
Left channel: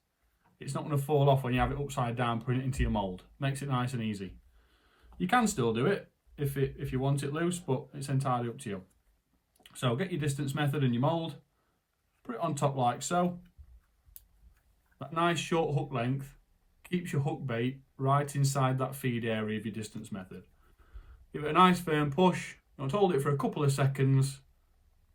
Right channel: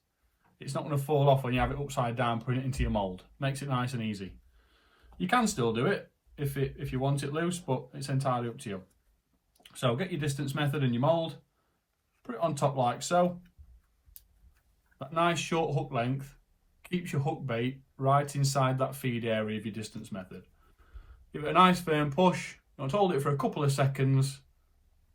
it's not going to fall off when you have it upside down putting it into your mould. Makes it nice and easy. You can still do it if you want it loose, but it's entirely up to you. So get your distance method and your mould, put it on top like so. That nice short hook length keeps your hook bait right inside that feed area of your distance method. Give it a nice firm push. You want to hold it for a couple of seconds.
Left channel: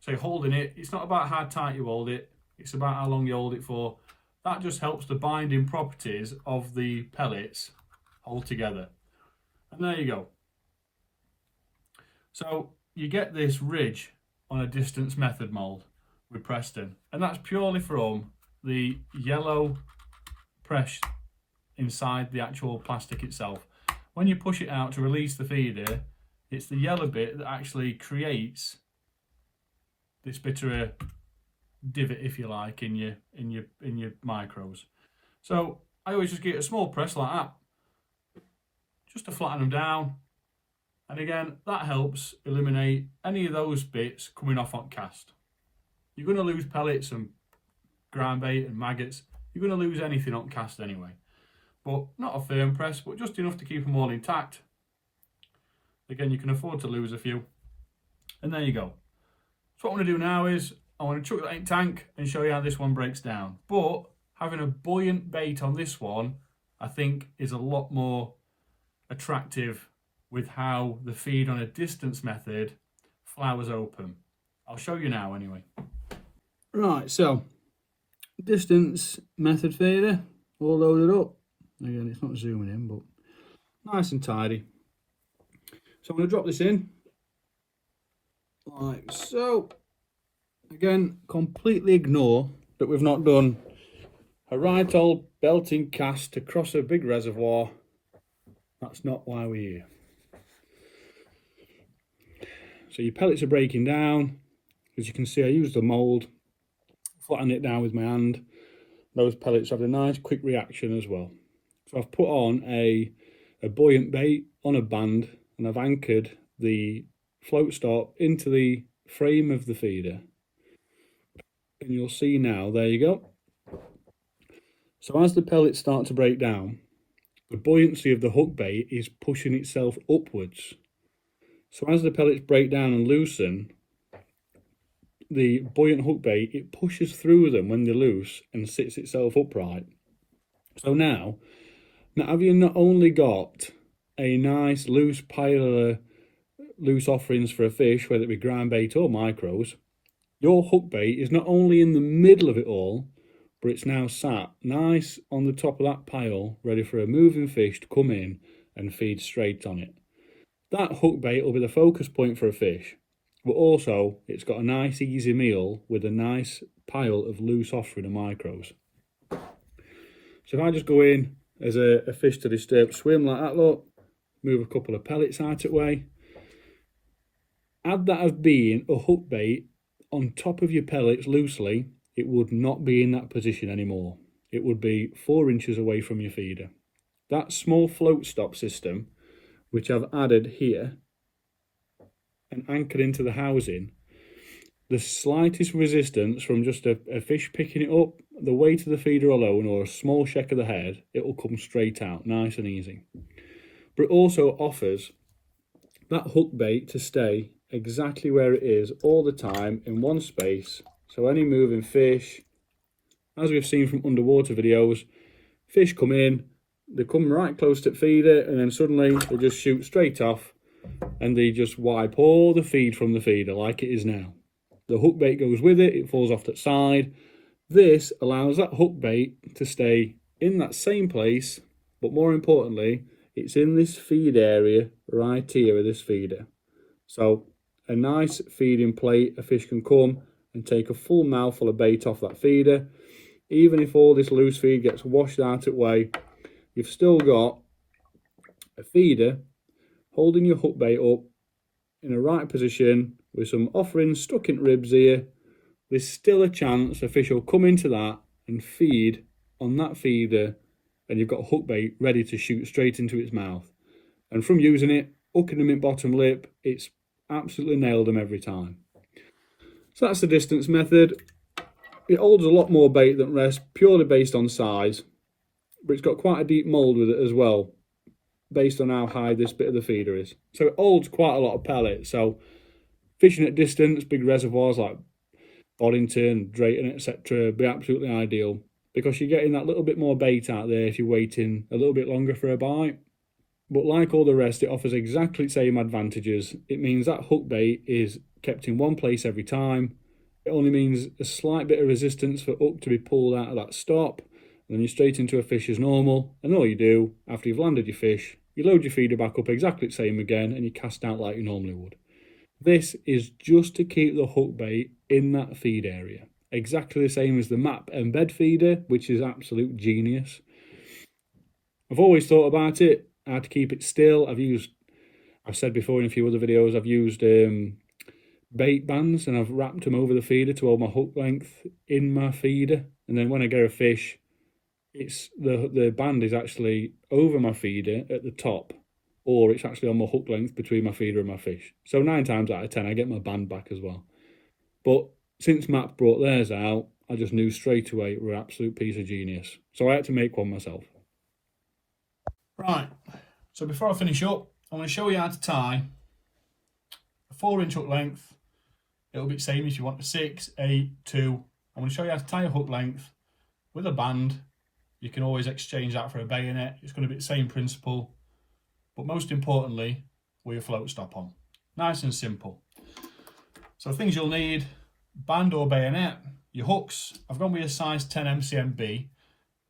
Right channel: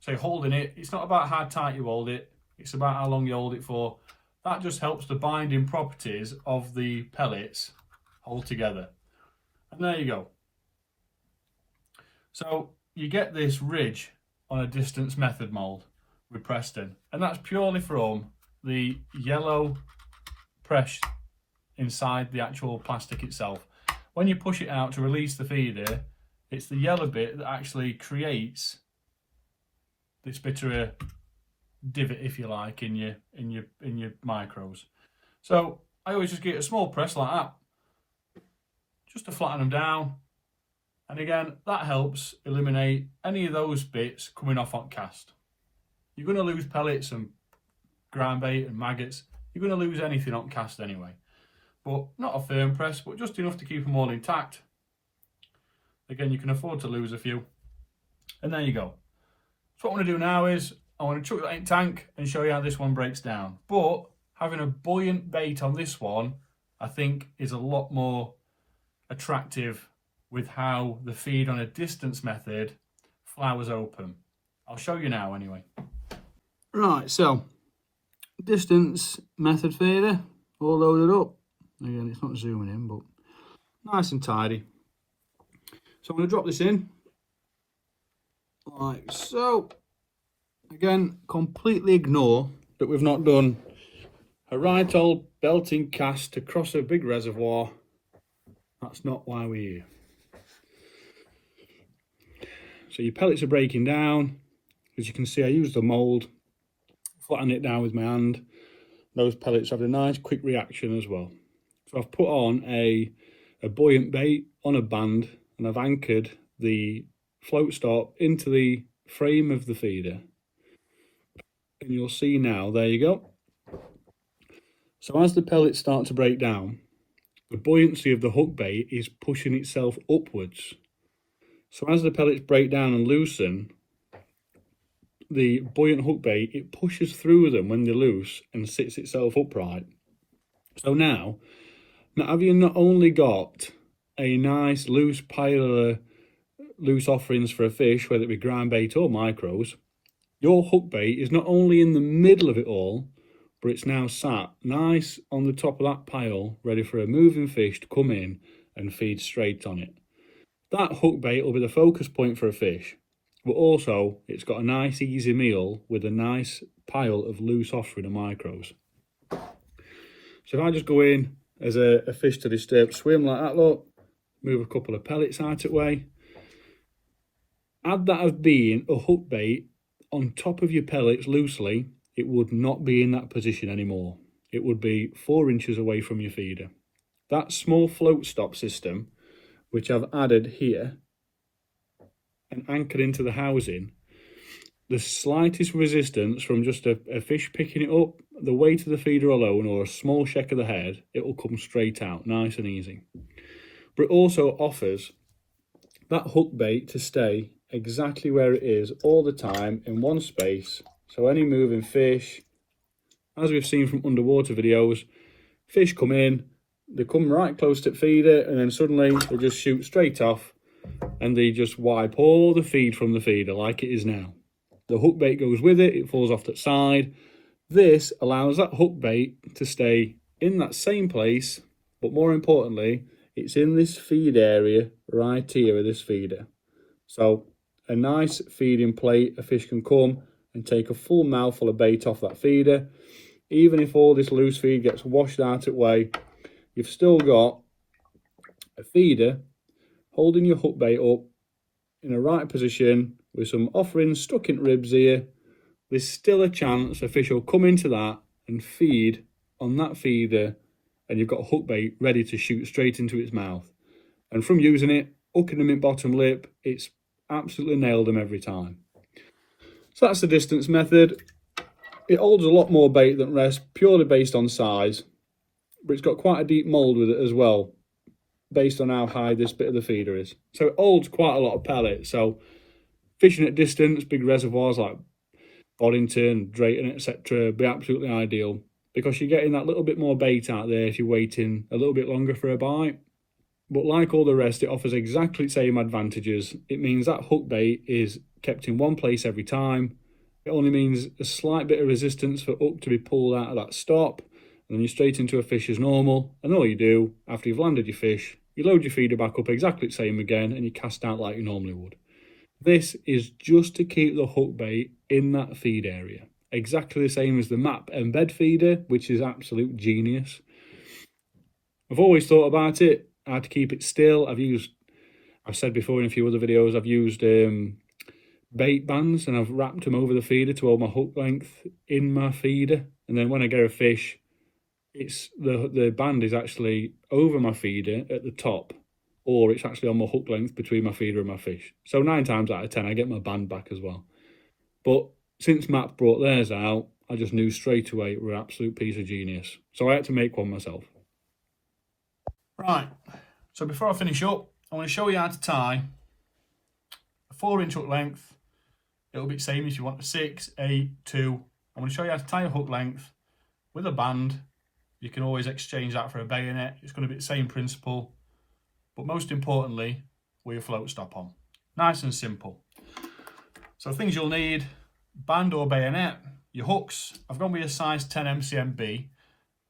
So holding it, it's not about how tight you hold it, it's about how long you hold it for. That just helps the binding properties of the pellets hold together. And there you go. So you get this ridge on a distance method mould with Preston, and that's purely from the yellow press inside the actual plastic itself. When you push it out to release the feeder, it's the yellow bit that actually creates this bit of a divot, if you like, in your micros. So I always just get a small press like that, just to flatten them down. And again, that helps eliminate any of those bits coming off on cast. You're going to lose pellets and ground bait and maggots. You're going to lose anything on cast anyway. But not a firm press, but just enough to keep them all intact. Again, you can afford to lose a few. And there you go. So what I want to do now is I want to chuck that in tank and show you how this one breaks down. But having a buoyant bait on this one, I think, is a lot more attractive with how the feed on a distance method flowers open. I'll show you now anyway. Right, so distance method feeder, all loaded up. Again, it's not zooming in, but nice and tidy. So I'm going to drop this in like so. Again, completely ignore that we've not done a right old belting cast across a big reservoir. That's not why we're here. So your pellets are breaking down. As you can see, I used the mould, flatten it down with my hand. Those pellets have a nice quick reaction as well. So I've put on a buoyant bait on a band, and I've anchored the float stop into the frame of the feeder. And you'll see now, there you go. So as the pellets start to break down, the buoyancy of the hook bait is pushing itself upwards. So as the pellets break down and loosen, the buoyant hook bait, it pushes through them when they're loose and sits itself upright. So now have you not only got a nice loose pile of loose offerings for a fish, whether it be ground bait or micros, your hook bait is not only in the middle of it all, but it's now sat nice on the top of that pile, ready for a moving fish to come in and feed straight on it. That hook bait will be the focus point for a fish, but also it's got a nice easy meal with a nice pile of loose offering of micros. So if I just go in as a fish to disturb swim like that, look, move a couple of pellets out of the way, add that as being a hook bait on top of your pellets loosely, it would not be in that position anymore. It would be 4 inches away from your feeder. That small float stop system, which I've added here and anchored into the housing, the slightest resistance from just a fish picking it up, the weight of the feeder alone, or a small shake of the head, it will come straight out, nice and easy. But it also offers that hook bait to stay exactly where it is all the time in one space. So any moving fish, as we've seen from underwater videos, fish come in, they come right close to the feeder, and then suddenly they just shoot straight off and they just wipe all the feed from the feeder like it is now. The hook bait goes with it, it falls off that side. This allows that hook bait to stay in that same place, but more importantly, it's in this feed area right here of this feeder. So a nice feeding plate, a fish can come and take a full mouthful of bait off that feeder. Even if all this loose feed gets washed out of the way, you've still got a feeder holding your hook bait up in a right position with some offerings stuck in ribs here. There's still a chance a fish will come into that and feed on that feeder, and you've got a hook bait ready to shoot straight into its mouth. And from using it, hooking them in bottom lip, it's absolutely nailed them every time. So that's the distance method. It holds a lot more bait than rest, purely based on size, but it's got quite a deep mould with it as well, based on how high this bit of the feeder is. So it holds quite a lot of pellet. So fishing at distance, big reservoirs like Boddington, Drayton, etc. be absolutely ideal, because you're getting that little bit more bait out there if you're waiting a little bit longer for a bite. But like all the rest, it offers exactly the same advantages. It means that hook bait is kept in one place every time. It only means a slight bit of resistance for hook to be pulled out of that stop, and then you're straight into a fish as normal. And all you do after you've landed your fish, you load your feeder back up exactly the same again, and you cast out like you normally would. This is just to keep the hook bait in that feed area. Exactly the same as the MAP Embed feeder, which is absolute genius. I've always thought about it, how to keep it still. I've said before in a few other videos, I've used bait bands, and I've wrapped them over the feeder to hold my hook length in my feeder. And then when I get a fish, it's the band is actually over my feeder at the top, or it's actually on my hook length between my feeder and my fish. So 9 times out of 10, I get my band back as well. But since MAP brought theirs out, I just knew straight away it were an absolute piece of genius. So I had to make one myself. Right, so before I finish up, I want to show you how to tie a 4-inch hook length. It'll be the same if you want a 6, 8, 2. I'm going to show you how to tie a hook length with a band. You can always exchange that for a bayonet. It's going to be the same principle, but most importantly, with your float stop on. Nice and simple. So things you'll need: band or bayonet, your hooks. I've gone with a size 10 MCMB,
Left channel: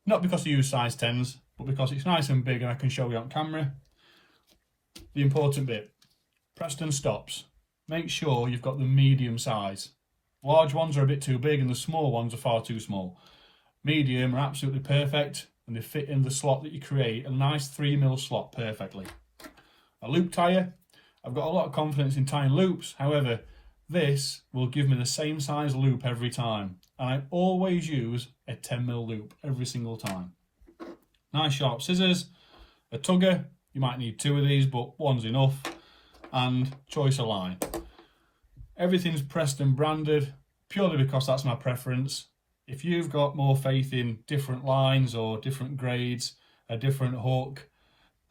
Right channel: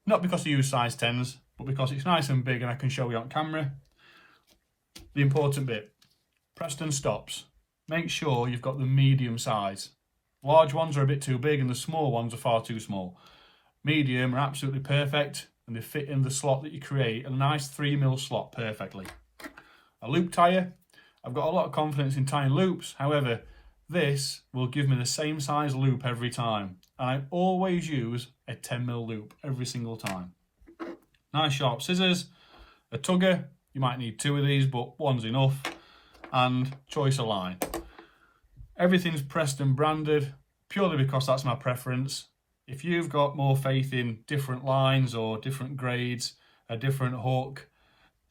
not because I use size 10s, but because it's nice and big and I can show you on camera. The important bit, Preston stops. Make sure you've got the medium size. Large ones are a bit too big and the small ones are far too small. Medium are absolutely perfect, and they fit in the slot that you create, a nice 3mm slot perfectly. A loop tire. I've got a lot of confidence in tying loops, however, this will give me the same size loop every time, and I always use a 10mm loop every single time. Nice sharp scissors, a tugger. You might need 2 of these, but one's enough, and choice of line. Everything's Preston branded, purely because that's my preference. If you've got more faith in different lines or different grades, a different hook,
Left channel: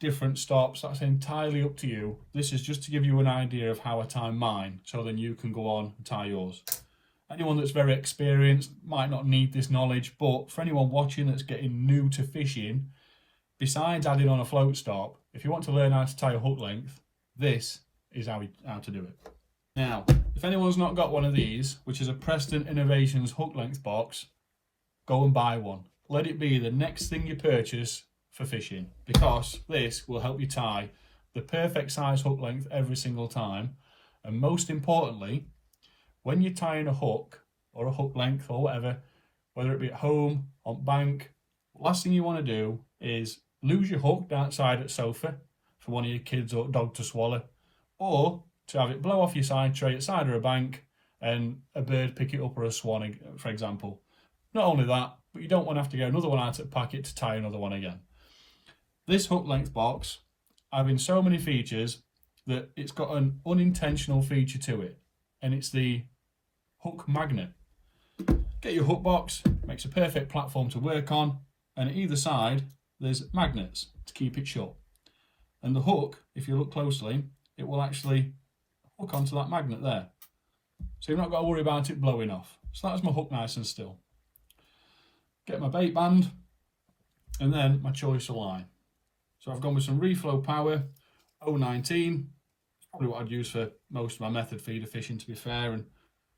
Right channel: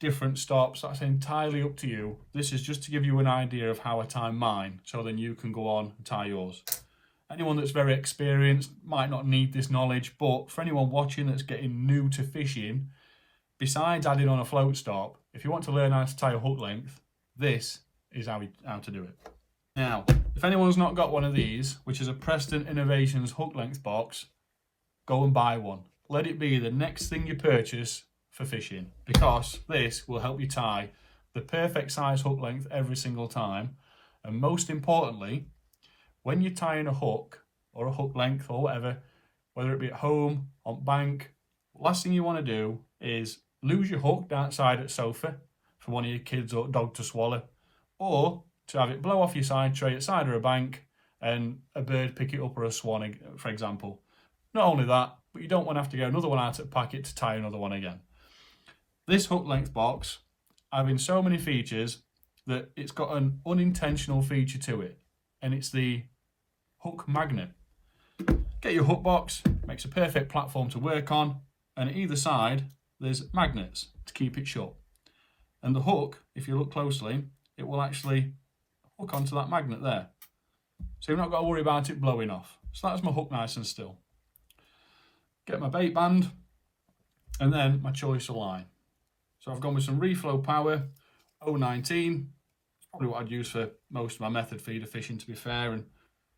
different stops, that's entirely up to you. This is just to give you an idea of how I tie mine, so then you can go on and tie yours. Anyone that's very experienced might not need this knowledge, but for anyone watching that's getting new to fishing, besides adding on a float stop, if you want to learn how to tie a hook length, this is how to do it. Now, if anyone's not got one of these, which is a Preston Innovations hook length box, go and buy one. Let it be the next thing you purchase for fishing, because this will help you tie the perfect size hook length every single time. And most importantly, when you're tying a hook or a hook length or whatever, whether it be at home, on bank, last thing you want to do is lose your hook outside at sofa for one of your kids or dog to swallow, or to have it blow off your side tray at side of a bank and a bird pick it up, or a swan, for example. Not only that, but you don't want to have to get another one out of the packet to tie another one again. This hook length box, having so many features, that it's got an unintentional feature to it, and it's the hook magnet. Get your hook box, makes a perfect platform to work on, and at either side there's magnets to keep it shut. And the hook, if you look closely, it will actually hook onto that magnet there. So you've not got to worry about it blowing off. So that's my hook nice and still. Get my bait band, and then my choice of line. So I've gone with some Reflow Power 019. It's probably what I'd use for most of my method feeder fishing, to be fair, and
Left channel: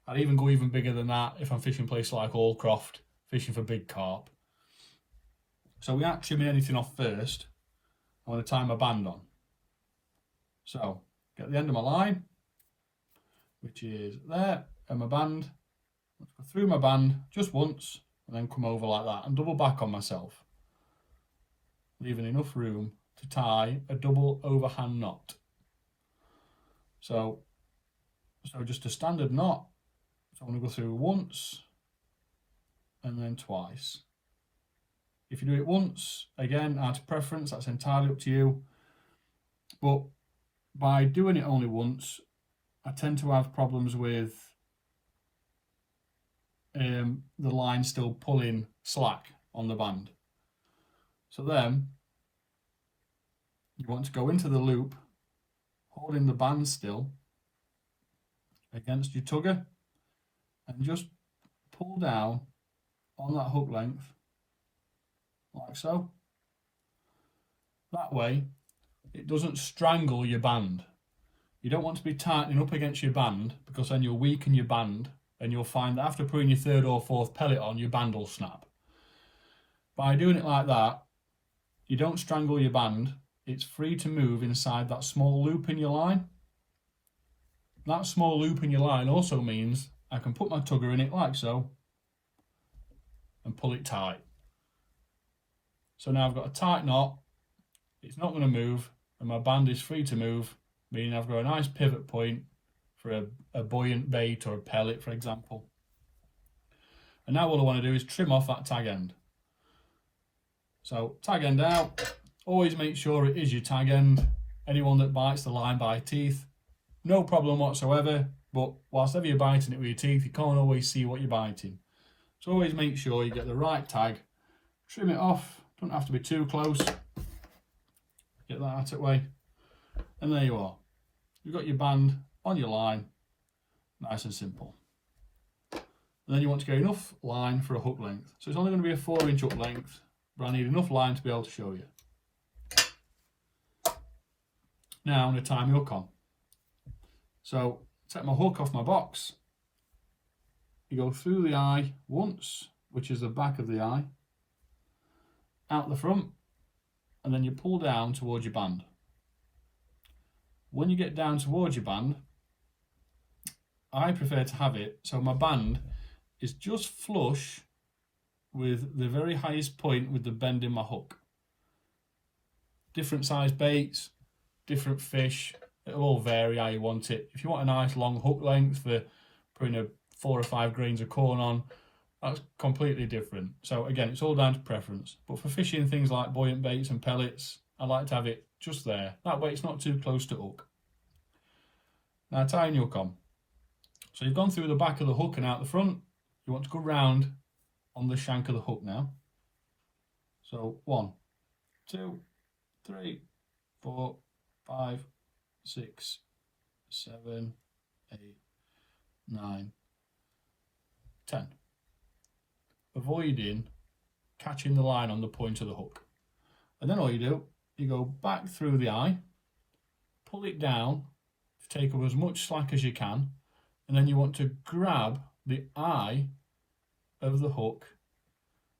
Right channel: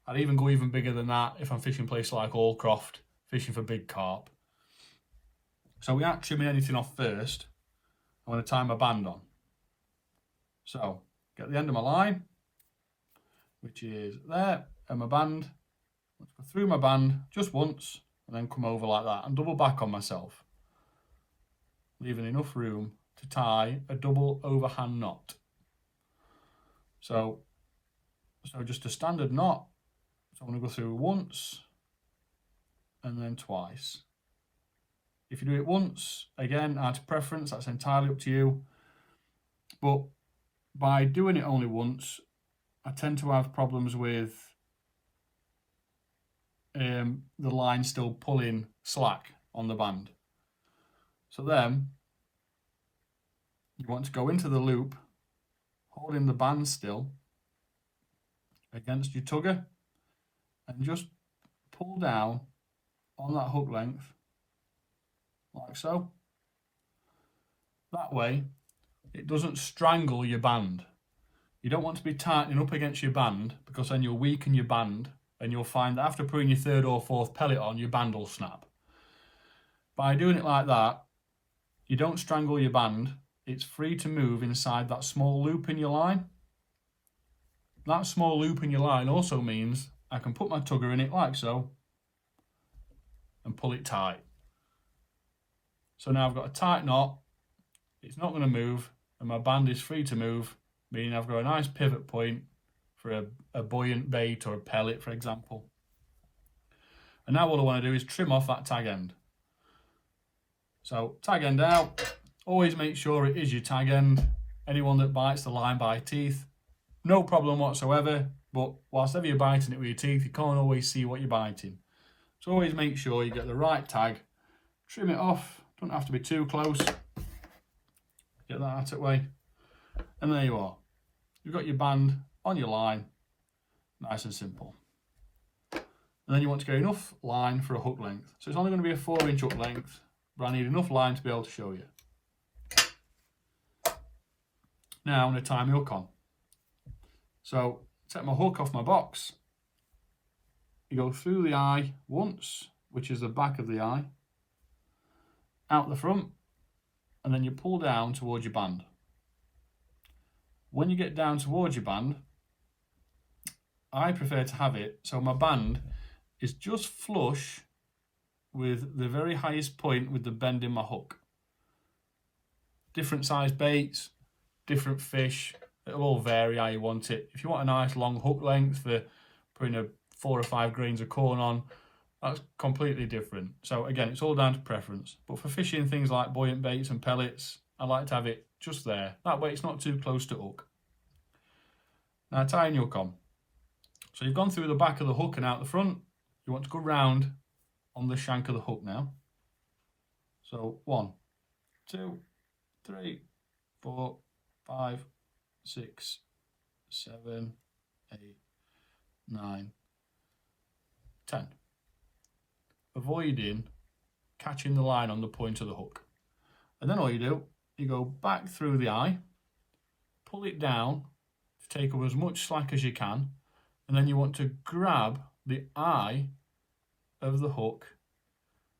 I'd even go even bigger than that if I'm fishing places like Allcroft, fishing for big carp. So without trimming anything off first, I'm going to tie my band on. So get the end of my line, which is there, and my band. Let's go through my band just once and then come over like that and double back on myself, leaving enough room to tie a double overhand knot. So just a standard knot. So I'm going to go through once and then twice. If you do it once, again, out of preference, that's entirely up to you. But by doing it only once, I tend to have problems with the line still pulling slack on the band. So then you want to go into the loop, holding the band still against your tugger, and just pull down on that hook length like so. That way it doesn't strangle your band. You don't want to be tightening up against your band, because then you'll weaken your band and you'll find that after putting your third or fourth pellet on, your band will snap. By doing it like that, you don't strangle your band. It's free to move inside that small loop in your line. That small loop in your line also means I can put my tugger in it like so and pull it tight. So now I've got a tight knot, it's not going to move, and my band is free to move, meaning I've got a nice pivot point for a buoyant bait or a pellet, for example. And now all I want to do is trim off that tag end. So tag end out, always make sure it is your tag end. Anyone that bites the line by teeth, no problem whatsoever, but whilst ever you're biting it with your teeth, you can't always see what you're biting. So always make sure you get the right tag, trim it off, don't have to be too close, get that out of the way, and there you are. You've got your band on your line, nice and simple. And then you want to get enough line for a hook length. So it's only going to be a 4-inch hook length, but I need enough line to be able to show you. Now I'm going to tie my hook on. So take my hook off my box, you go through the eye once, which is the back of the eye, out the front, and then you pull down towards your band. When you get down towards your band, I prefer to have it so my band is just flush with the very highest point with the bend in my hook. Different size baits, different fish, it'll all vary how you want it. If you want a nice long hook length for putting 4 or 5 grains of corn on, that's completely different. So again, it's all down to preference. But for fishing things like buoyant baits and pellets, I like to have it just there. That way it's not too close to hook. Now tying your hook on. So you've gone through the back of the hook and out the front. You want to go round on the shank of the hook now. So 1, 2, 3, 4, 5, 6, 7, 8, 9, 10. Avoiding catching the line on the point of the hook. And then all you do, you go back through the eye, pull it down to take up as much slack as you can, and then you want to grab the eye of the hook,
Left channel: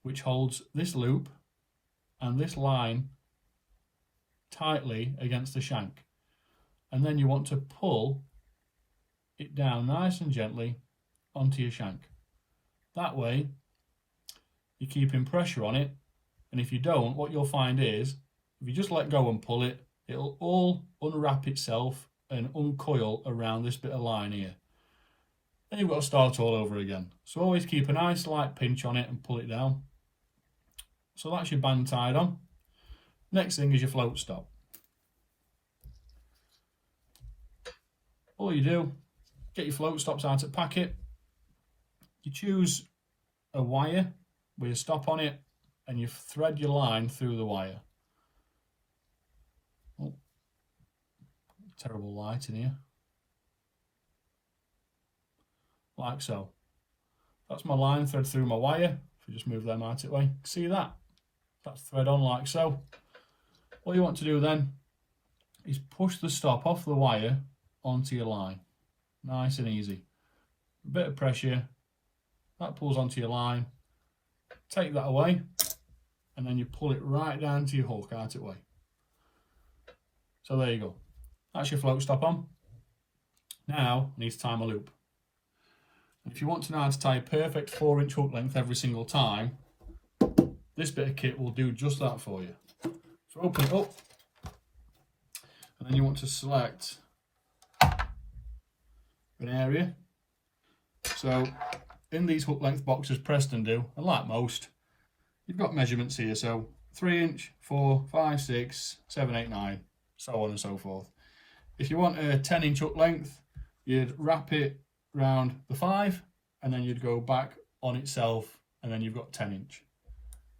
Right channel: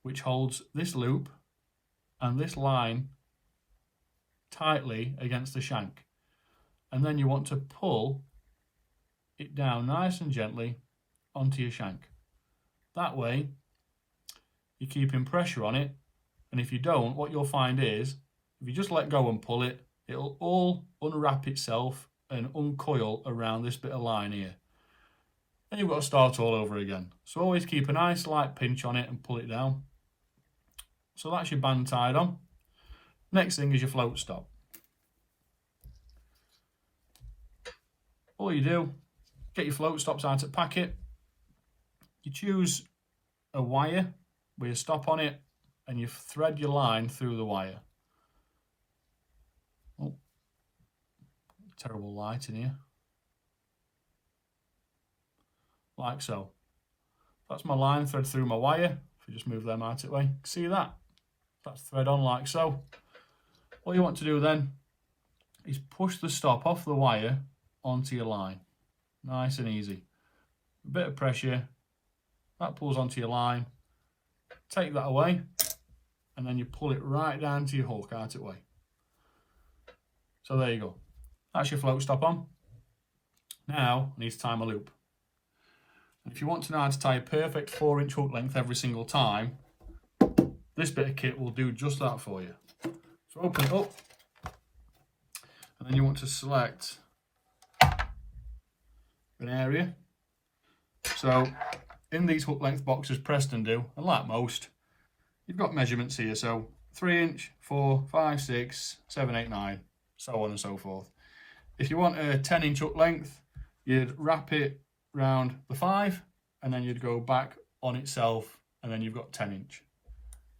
which holds this loop and this line tightly against the shank. And then you want to pull it down nice and gently onto your shank. That way you're keeping pressure on it, and if you don't, what you'll find is if you just let go and pull it, it'll all unwrap itself and uncoil around this bit of line here. Then you've got to start all over again. So always keep a nice light pinch on it and pull it down. So that's your band tied on. Next thing is your float stop. All you do, get your float stops out of packet. You choose a wire with a stop on it, and you thread your line through the wire. Oh, terrible light in here. Like so. That's my line thread through my wire. If you just move them out of the way, see that? That's thread on like so. What you want to do then is push the stop off the wire onto your line. Nice and easy. A bit of pressure, that pulls onto your line. Take that away, and then you pull it right down to your hook out of the way. So there you go. That's your float stop on. Now I need to tie my loop. And if you want to know how to tie a perfect 4-inch hook length every single time, this bit of kit will do just that for you. So open it up, and then you want to select an area. So in these hook length boxes Preston do, and like most, you've got measurements here. So 3-inch, 4, 5, 6, 7, 8, 9, so on and so forth. If you want a 10-inch hook length, you'd wrap it round the 5, and then you'd go back on itself, and then you've got 10-inch.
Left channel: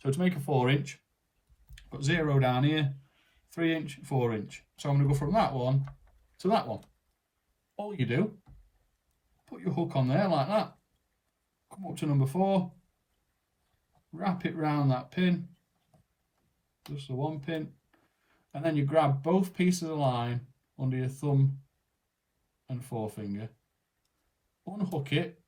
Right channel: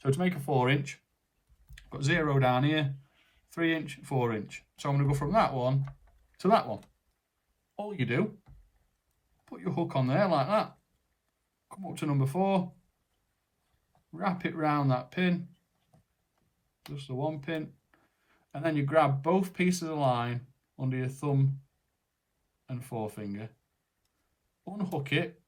So to make a 4-inch, I've got 0 down here, 3-inch, 4-inch. So I'm going to go from that one to that one. All you do, put your hook on there like that, come up to number 4, wrap it round that pin, just the one pin, and then you grab both pieces of line under your thumb and forefinger, unhook it,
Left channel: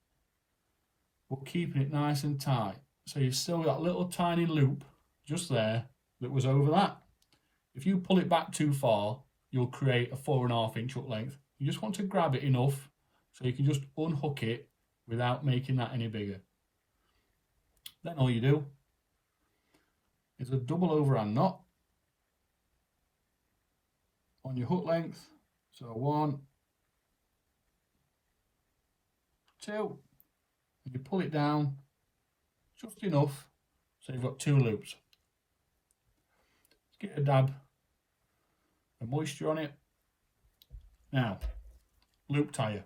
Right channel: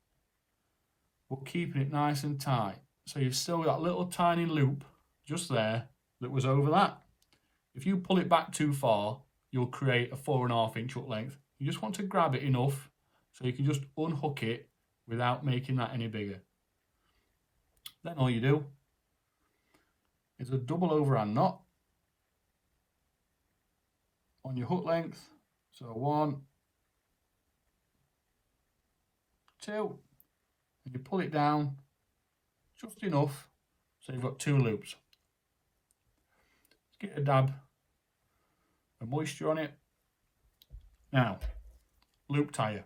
but keeping it nice and tight. So you've still got a little tiny loop just there that was over that. If you pull it back too far, you'll create a 4.5-inch hook length. You just want to grab it enough so you can just unhook it without making that any bigger. Then all you do is a double overhand knot on your hook length. So 1, 2, and you pull it down just enough so you've got 2 loops. Get a dab of moisture on it. Now, loop tire.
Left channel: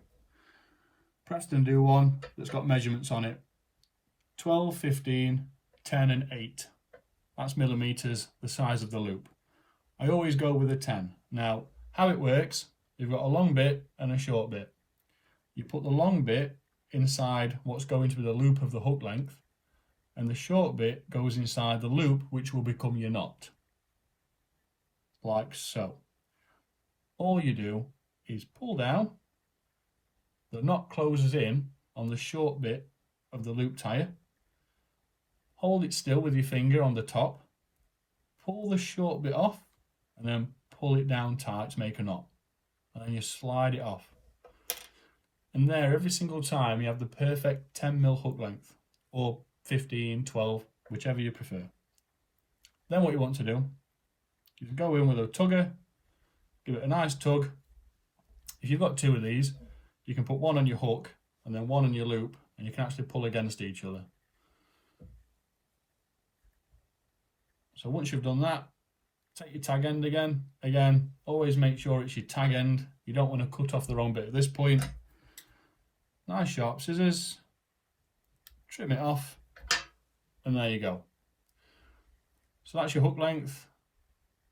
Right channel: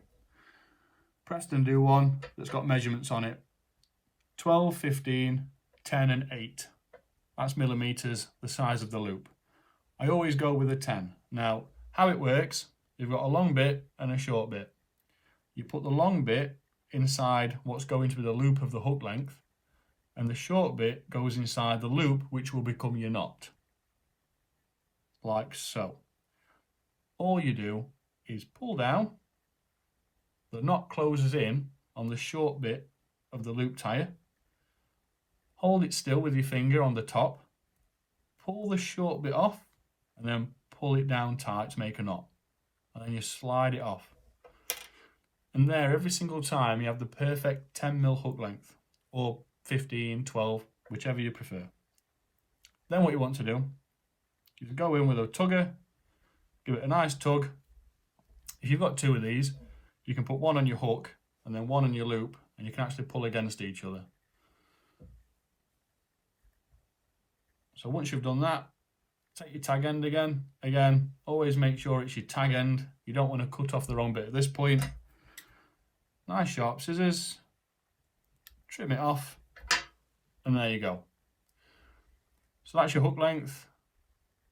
Preston do one that's got measurements on it. 12, 15, 10 and 8. That's millimeters, the size of the loop. I always go with a 10. Now, how it works, you've got a long bit and a short bit. You put the long bit inside what's going to be the loop of the hook length, and the short bit goes inside the loop, which will become your knot. Like so. All you do is pull down, the knot closes in on the short bit of the loop tire, hold it still with your finger on the top, pull the short bit off, and then pull it down tight to make a knot, and then you slide it off. And there, every single time, you have the perfect 10mm hook length, or 15, 12, whichever you prefer. Then what you want to do is go in with a tugger, give it a nice tug. If you've got 2 of these, you can put one on your hook and then one on your loop, and you can actually pull against each other. So once you've done that, take your tag end again. Again, always make sure it's your tag end. You don't want to cut off the wrong bit at this point. Nice sharp scissors, trim it off, and there you go. So that's your hook length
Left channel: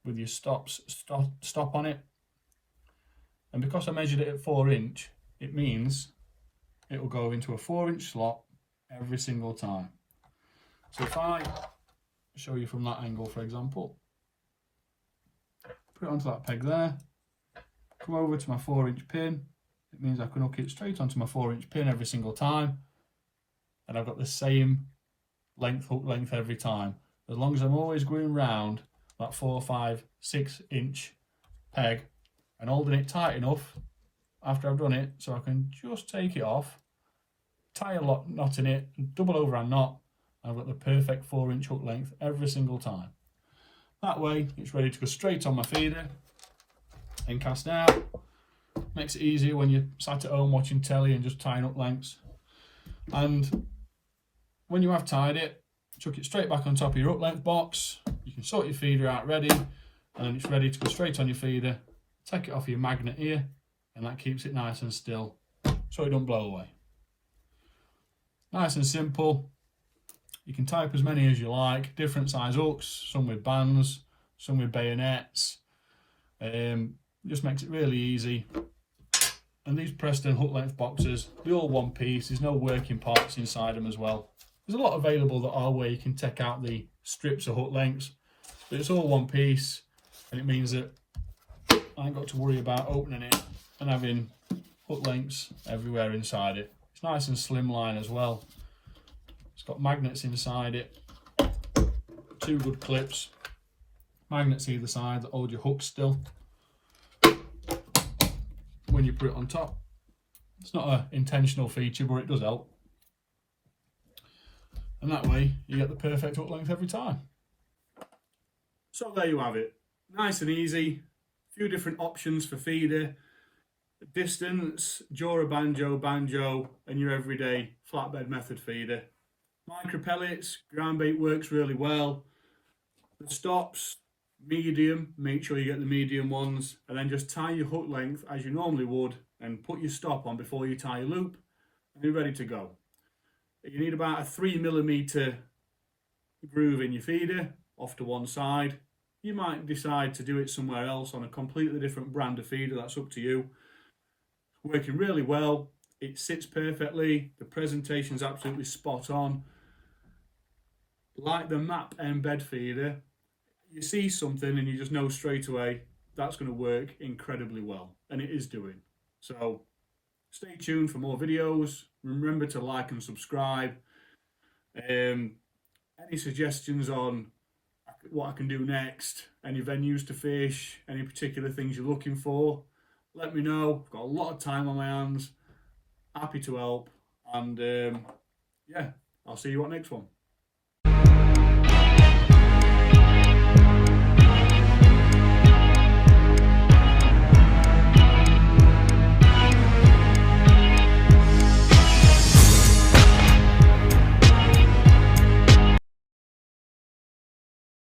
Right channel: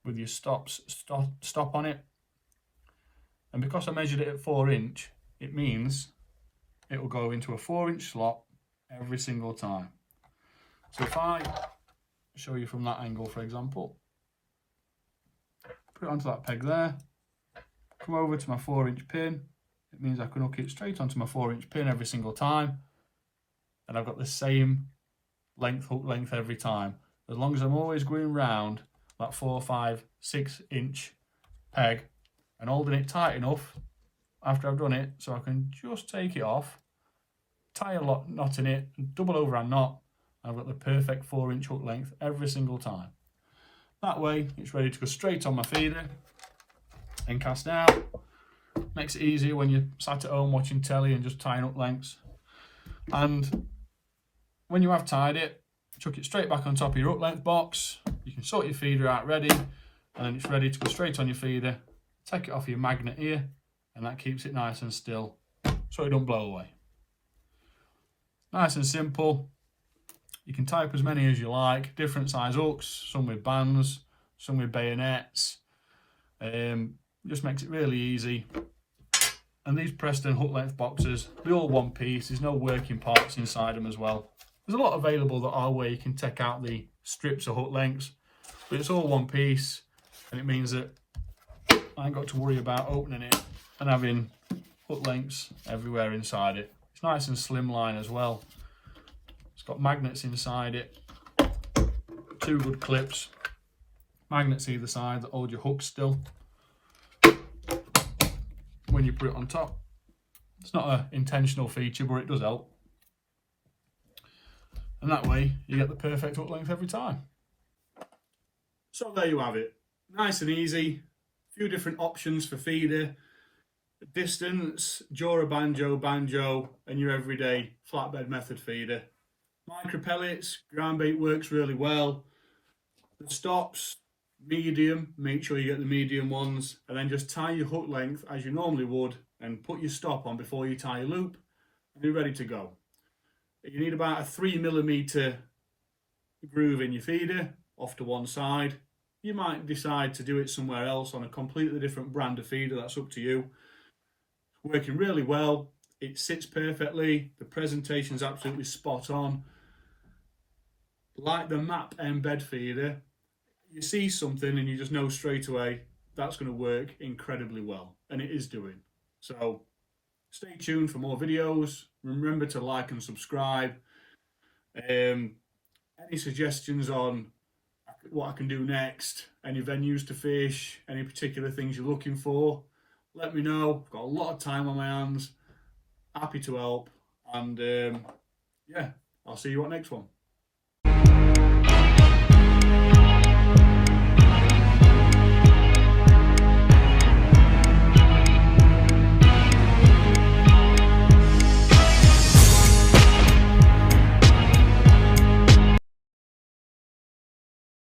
with your stop on it. And because I measured it at 4-inch, it means it will go into a 4-inch slot every single time. So if I show you from that angle, for example, put it onto that peg there, come over to my 4-inch pin, it means I can hook it straight onto my 4-inch pin every single time, and I've got the same hook length every time, as long as I'm always going round that 4, 5, 6-inch peg and holding it tight enough after I've done it so I can just take it off, tie a knot in it, double overhand knot, and I've got the perfect 4-inch hook length every single time. That way it's ready to go straight on my feeder and cast out. Makes it easier when you're sat at home watching telly and just tying up lengths. And when you have tied it, chuck it straight back on top of your hook length box. You can sort your feeder out ready, and it's ready to go straight on your feeder. Take it off your magnet here, and that keeps it nice and still so it don't blow away. Nice and simple. You can tie up as many as you like, different size hooks, some with bands, some with bayonets. Just makes it really easy. And these Preston hook length boxes, they're all one piece. There's no working parts inside them as well. There's a lot available that are where you can take out the strips of hook lengths, but it's all one piece, and it means that I ain't got to worry about opening it and having hook lengths everywhere inside it. It's nice and slimline as well. It's got magnets inside it, 2 good clips, magnets either side that hold your hook still. When you put it on top, It's not an intentional feature, but it does help. And that way you get the perfect hook length every time. So there you have it. Nice and easy. A few different options for feeder. Distance, Jora Banjo, Banjo, and your everyday flatbed method feeder. Micro pellets, ground bait works really well. The stops, medium, make sure you get the medium ones, and then just tie your hook length as you normally would and put your stop on before you tie your loop, and you're ready to go. You need about a 3mm groove in your feeder off to one side. You might decide to do it somewhere else on a completely different brand of feeder, that's up to you. Working really well, it sits perfectly, the presentation's absolutely spot on. Like the MAP Embed feeder, you see something and you just know straight away that's going to work incredibly well, and it is doing. So stay tuned for more videos. Remember to like and subscribe. Any suggestions on what I can do next, any venues to fish, any particular things you're looking for, let me know. I've got a lot of time on my hands, happy to help, and yeah, I'll see you on next one.